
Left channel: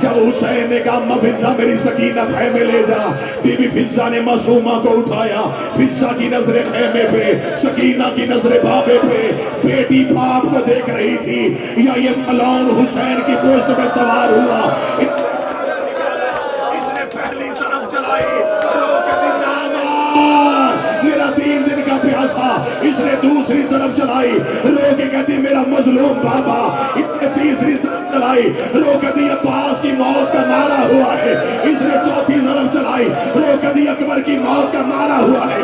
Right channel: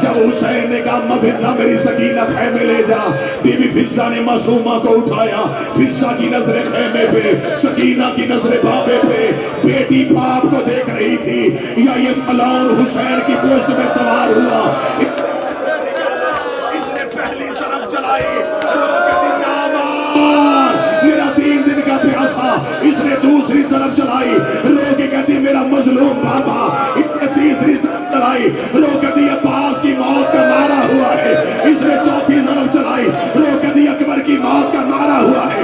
جب حسین نے کہا اماں فضہ میری سکینہ خیمے لے جا، بی بی فضہ نے معصومہ کو اٹھایا. فضہ کی نظر خیمے پہ، سکینہ کی نظر بابے پہ. بیٹی باپ کو دیکھ رہی تھی، یا یہ فلان حسین کی پوشت میں سوار ہوا. اس نے پہلی طرف چلائی، رو کے دن نامار میرا 3 دن کا پیاسا. اس نے دوسری طرف چلائی، رو کے کہتی میرا مظلوم بابا. اس نے تیسری طرف چلائی، رو کے دی عباس کی موت کا مارا ہوا ہے. اس نے چوتھی طرف چلائی، رو کے دی اکبر کی موت کا مارا ہوا ہے.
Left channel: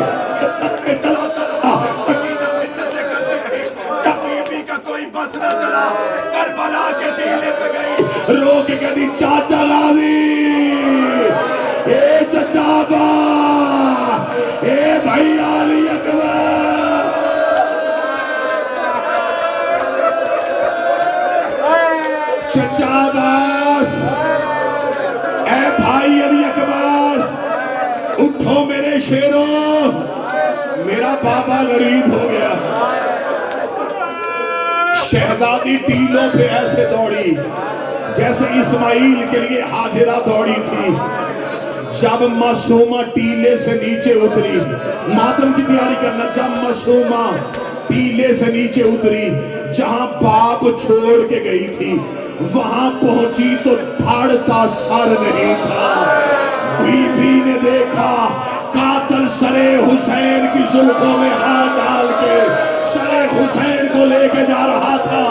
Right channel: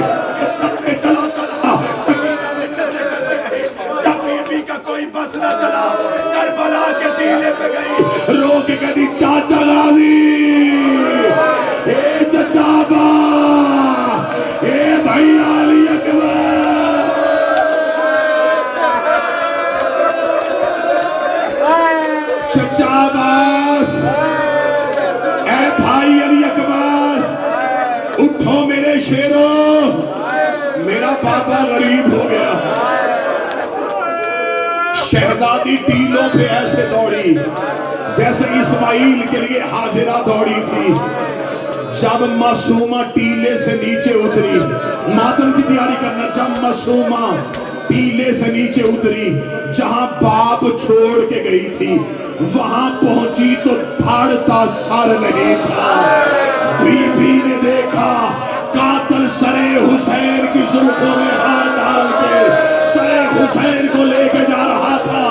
چلا چلا سکینہ منتیں کرتی رہی. جب بیوی کا کوئی بس نہ چلا، کربلا کے ٹیلے پہ گئی، رو کے کہتی چاچا غازی، اے چچا با، اے بھائی علی اکبر. چچا عباس، اے بھائی علی اکبر، اٹھو میرے شیرو، میرا بابا غریب ہو گیا. شہزادی ٹیلوں پہ ایسے دوڑی جیسے اسماعیل کے لیے ہاجرہ دوڑی تھی. جب معصومہ ٹیلے سے نیچے اتری، ماتم کی تیاری کرنا. جب معصومہ ٹیلے سے نیچے اتری، جہاں باپ چھوڑ کے گئی تھی، وہاں پہنچی تو دھڑتا سر نہیں تھا. بی بی نے دیکھا قاتل سرے حسین کی زلفوں میں ہاتھ ڈال کے سرے حسین کو لے کے جا رہا تھا.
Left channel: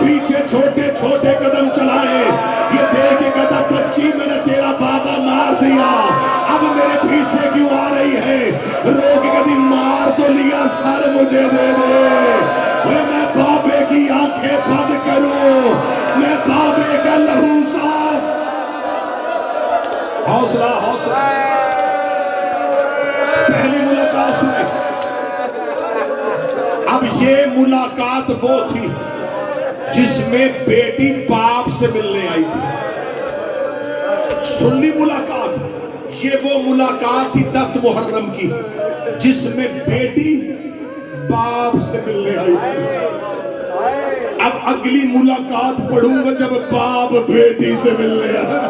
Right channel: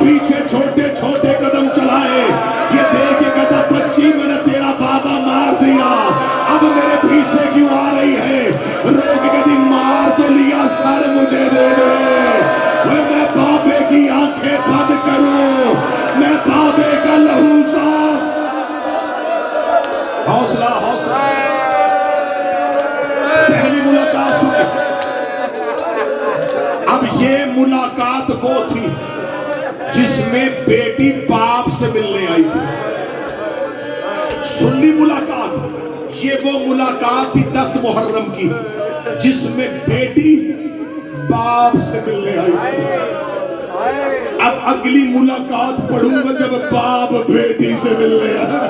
پیچھے چھوٹے چھوٹے قدم چلائے. یہ دیکھ کے کہتا بچی میں نے تیرا بابا مار دیا، اب میرے پیچھے کیوں آ رہی ہے. رو کے کہتی مار تو لیا، سر مجھے دے دے. میں بابے کی آنکھیں بند کروں، میں بابے کا لہو صاف. حوصلہ حوصلہ. پہلی ملاقات ہوئی. اب یہ ملاقات وہ تھی جس میں بیٹی باپ سے ملنے آئی تھی. سنی ملاقات. یہ وہ ملاقات تھی 10 محرم کی جس میں بیٹی باپ سے ملنے آئی تھی. اب اگلی ملاقات پڑھوں گا جب باپ بیٹی سے ملنے آیا.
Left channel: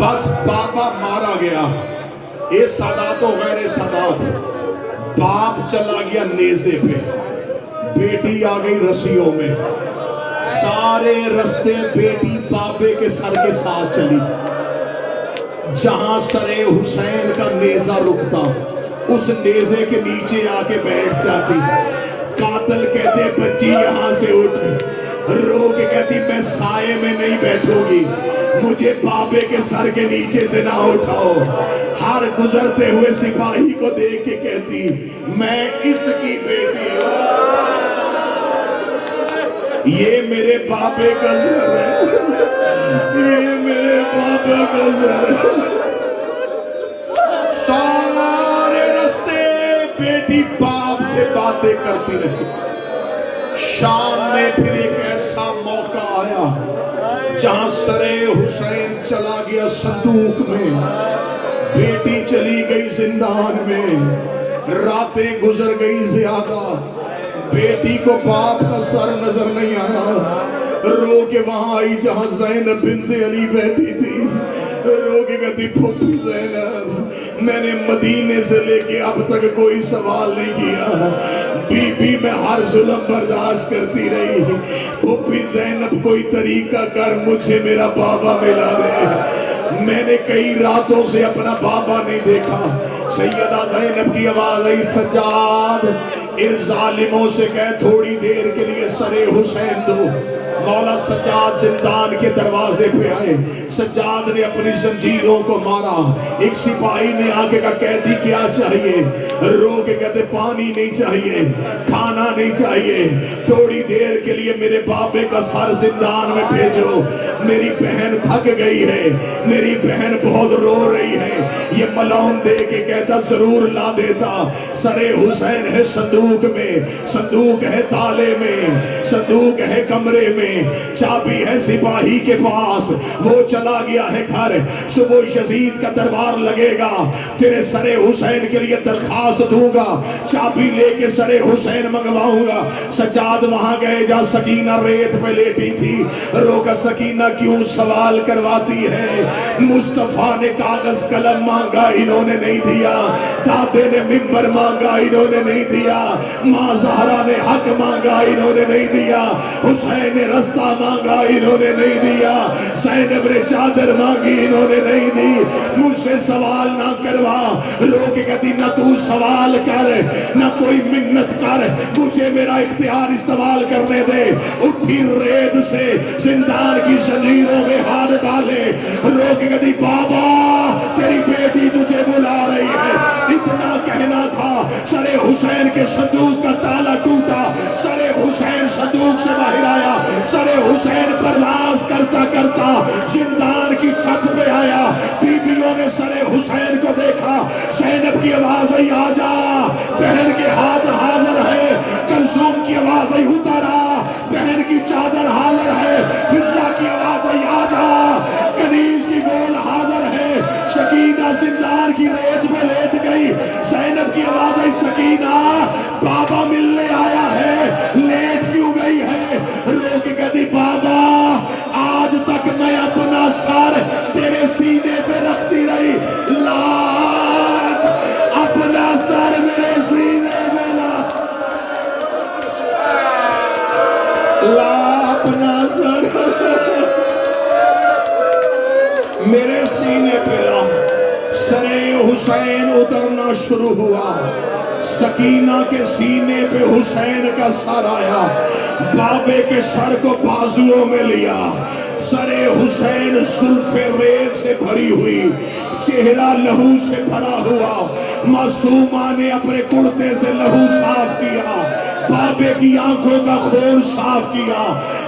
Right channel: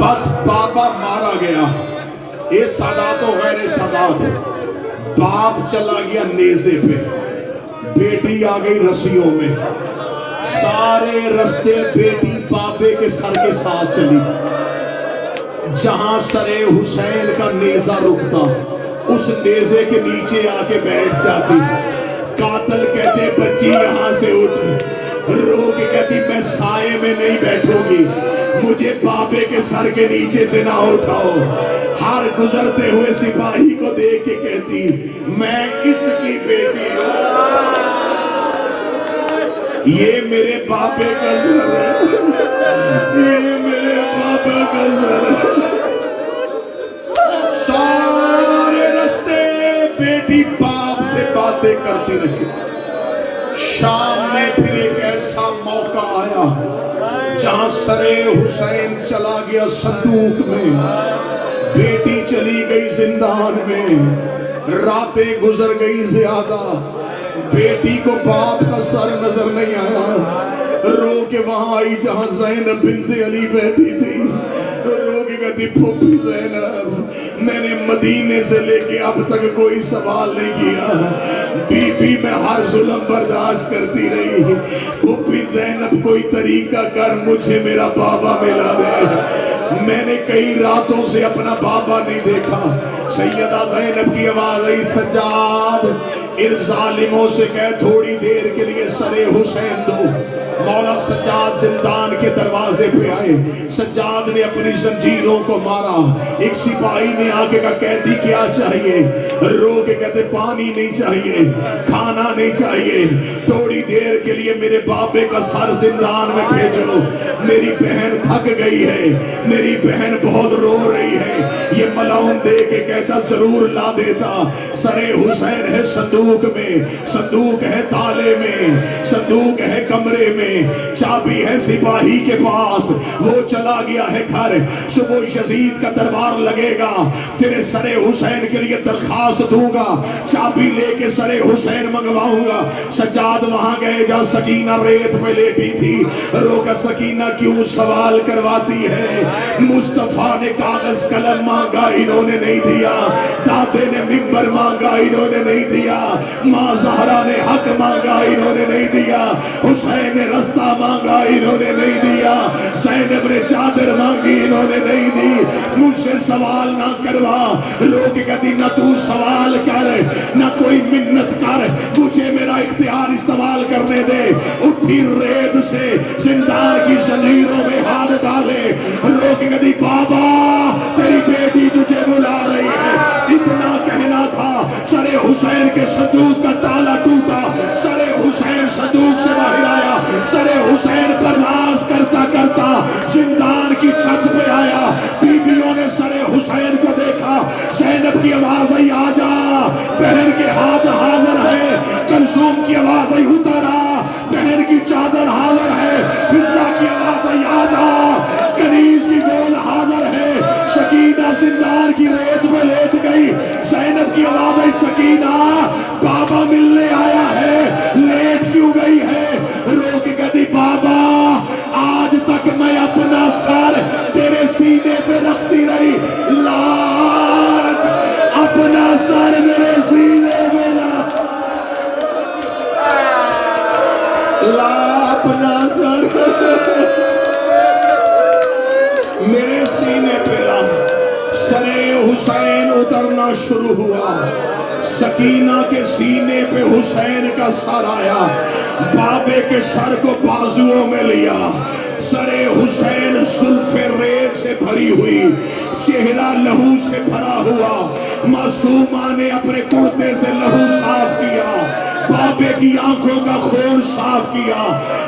بس بابا مارا گیا، اے سادات و غیر سادات. باپ چلا گیا نیزے پہ، بیٹی آ گئی رسیوں میں، سارے رستے بیٹی پاپے کے سر کے ساتھ چلی، جہاں سر حسین کا نیزہ رکتا اس نیزے کے نیچے آ کے بیٹھ جاتی۔ قاتل کہتے بچی یہاں سے اٹھ، رو کے کہتی میں سائے میں نہیں بیٹھوں گی، مجھے بابے کے سر کے نیچے سے نہ اٹھاؤ۔ ہر گزرتے ہوئے سپاہی کو دیکھ کے کہتی میں اس کی بیٹی ہوں، یہ میرے بابے کا سر ہے، یہ میرے بابا کا سر ہے۔ سارے رستے بیٹی باپ سے باتیں کرتی رہی۔ شام میں پھر ایک ایسا موقع آیا جہاں سر حسین چلا گیا صندوق میں، بیٹی چلی گئی زندان میں، راتیں گزر گئی زیادہ، بیٹی کو باپ کا سر نظر نہیں آیا، رو کے وہاں آئی جہاں زینب بنت علی بیٹھی تھی، رو کے کہتی پھوپھی زینب میں نے مدینے سے لے کے اب تک کوئی سوال نہیں کیا، بی بی میں ہر ظلم برداشت کرتی رہی، پھوپھی زینب کوئی طریقہ کر مجھے میرا بابا ملا دے، میں نے کئی راتوں سے اپنا بابا نہیں دیکھا۔ سیدہ زینب کی آواز آئی سجاد ان ظالموں سے کہہ تھوڑی دیر کے لیے سر حسین دو۔ مولا سجاد زندان کے دروازے پہ آئے، سجاد نے اپنی زنجیروں کو مارا، ایک سپاہی نے آگے کا قیدی کیا چاہیے، رو کے کہتے پانی نہیں چاہیے، کھانا نہیں چاہیے، تھوڑی دیر کے لیے میرے بابے کا سر زندان میں بھیجو، میری بہن تھک گئی ہے، میری بہن بہت رو رہی ہے۔ یہ ملعون دے کے کہتا ضرور لا دیتا، سر حسین ہے صندوق میں، صندوق ہے تالے میں، صندوق ہے کمرے میں، چابی ہے سپاہی کے پاس، وہ چلا گیا ہے گھر، صبح یزید کا دربار لگے گا، تیرے سر حسین کے لیے درخواست دوں گا، چابی لے کے سر حسین منگواؤں گا۔ سجاد وہاں گئے جہاں سکینہ ریت پہ لیٹی تھی، رو کر سکینہ کیوں سوال کرواتی ہے، مصطفیٰ نے کاغذ قلم مانگا انہوں نے نہیں دیا، دادے نے ممبر مانگا انہوں نے نہیں دیا، ماں زہرا نے حق مانگا انہوں نے نہیں دیا، حسین نے رستہ مانگا انہوں نے نہیں دیا، زینب نے چادر مانگی انہوں نے نہیں دی، مجھ سے سوال نہ کروا، لوگ کہتی نہ تو سوال کر نہ کوئی منت کر، مجھے میرا اختیار استعمال کرنے دے۔ اٹھی ریت سے زندان کی زنجیروں میں ہاتھ ڈالے، لوگ کہتی بابا تیری بیٹی تجھے بلا رہی ہے۔ اتنا کہنا تھا، سر حسین کے صندوق کا تالا ٹوٹا، سر حسین صندوق سے باہر آیا، سر حسین پرواز کرتا کرتا زندان کی چھت پہ آیا، بیویوں نے سر حسین کو دیکھا، زینب کی آواز آئی آجا، بہن کے ہاتھ حاضر ہے، کلثوم کی آواز آئی اترا، بہن کی چادر حاضر ہے، فضہ کی آواز آئی آجا، کنیز کی گول حاضر ہے، سکینہ زندان کی ریت میں لیٹ گئی، زینب کی آواز آئی سکینہ بابا ملنے آیا ہے، لیٹ کیوں گئی ہے، رو کے کہتی بابا آج تک میں اپنا سر تیرے سینے پہ رکھتی رہی، لاج اپنا سر میرے سینے میں لا اپنا سر میرے سینے پہ لا۔ سر حسین اترنا شروع ہوا، سکینہ کے سینے پہ حسین کا سر آیا، بابے کے سر کو بازوؤں میں لیا، سر حسین زلف ریت سے بھری ہوئی، چہرہ لہو سے بھرا ہوا، معصومہ نے اپنے کرتے سے لہو صاف کیا، بابے کی آنکھوں کا خون صاف کیا،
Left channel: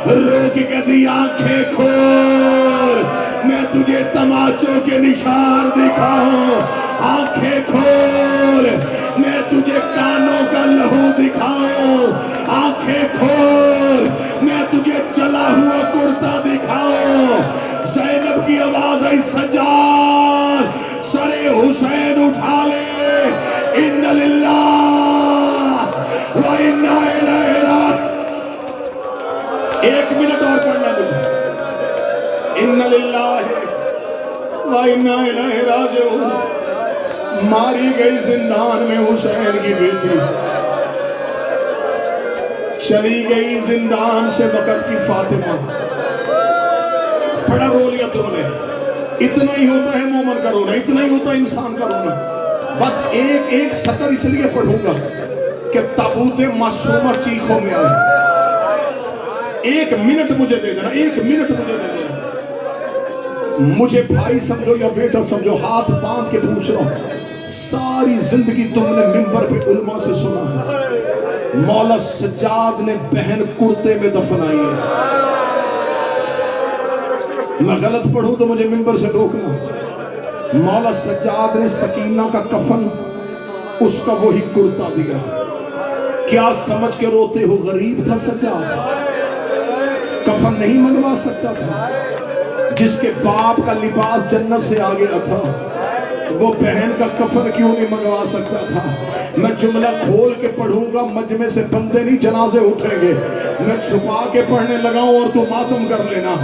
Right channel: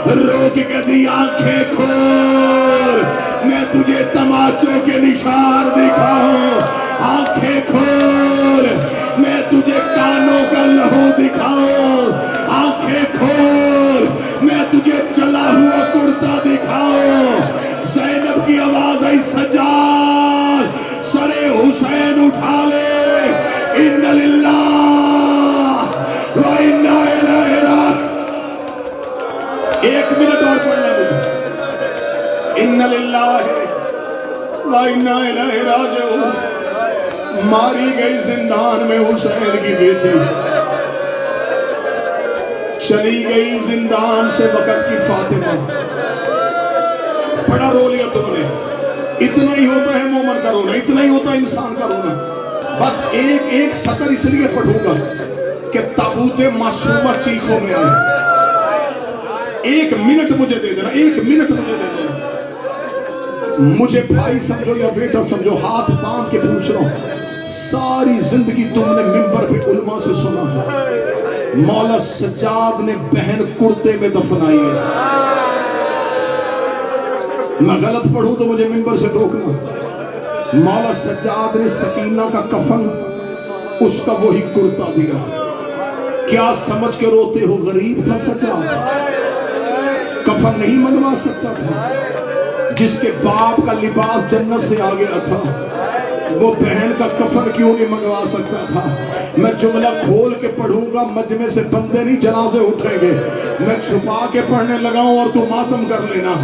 رو کے کہتی آنکھیں کھول میں تجھے تماچوں کے نشان دکھاؤں، آنکھیں کھول میں تجھے کانوں کا لہو دکھاؤں، آنکھیں کھول میں تجھے چلا ہوا کرتا دکھاؤں۔ زینب کی آواز آئی سجاد سر حسین اٹھا لے، ان للہ و انا الیہ راجعون۔ ایک منٹ اور پڑھنا مجھے، ان للہ و انا الیہ راجعون۔ ماری گئی زندان میں حسین کی بیٹی، چلی گئی زندان سے وقت کی فاطمہ. بڑا رو لیا تم نے. اتنا ہی ہوتا ہے مومن کا رونا, اتنا ہی ہوتا ہے انسان کا رونا. بس ایک سطر اس لیے پڑھوں گا کہ تابوت معصومہ چیخوں میں آئے. 1 منٹ مجھے دے دینا, 1 منٹ مجھے دے دینا. مجھے بھائی سمجھو یا بیٹا سمجھو, ہاتھ باندھ کے پوچھ رہا ہوں, ساری زندگی تم نے منبر پہ علماء سے سنا ہے مولا سجاد نے بہن کرتے میں دفنائی ہے. میں غلط پڑھوں تو مجھے منبر سے روکنا. مولا سجاد نے سکینہ کا کفن اس کا وہی کرتا دیا. کیا سمجھ کے روتے ہو؟ غریب تھا سجاد, کفن نہیں منگوا سکتا تھا. جس کے باپ کا لباس جنت سے آ گیا تھا وہ بہن کا کفن کیوں نہیں منگوا سکتا تھا؟ میں جملہ کھول کے پڑھوں گا, مجمع سے بندے نہیں جنازے اٹھیں گے. میں چھپا کے پڑھنے لگا ہوں اور تو ماتم کر لینا.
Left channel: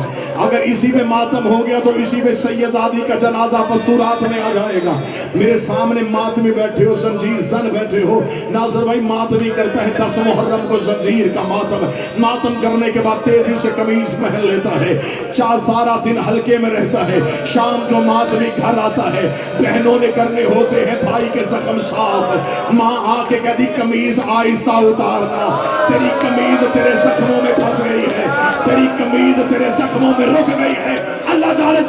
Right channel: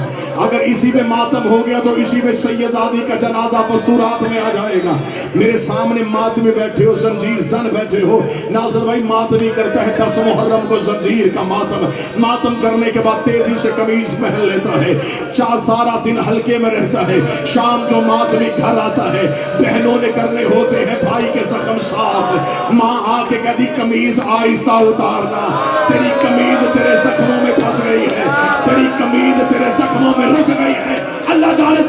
اگر اسی پہ ماتم ہو گیا تو اسی پہ سیدزادی کا جنازہ مستورات میں آ جائے گا. میرے سامنے ماتمی بیٹھے ہو, زنجیر زن بیٹھے ہو. ناظر بھائی ماتمی کرتا ہے 10 محرم کو زنجیر کا ماتم. ماتم کرنے کے بعد تیزی سے قمیض پہن لیتا ہے, سارا دن ہلکے میں رہتا ہے. شام کو ماتمی گھر آتا ہے, بہنوں نے کرنے ہوتے ہیں بھائی کے زخم صاف. ماں آ کے کہتی قمیض آہستہ اتارنا, تیری قمیض تیرے زخموں میں پھنس گئی ہے, تیری قمیض تیرے زخموں میں رک گئی ہے. اللہ جانے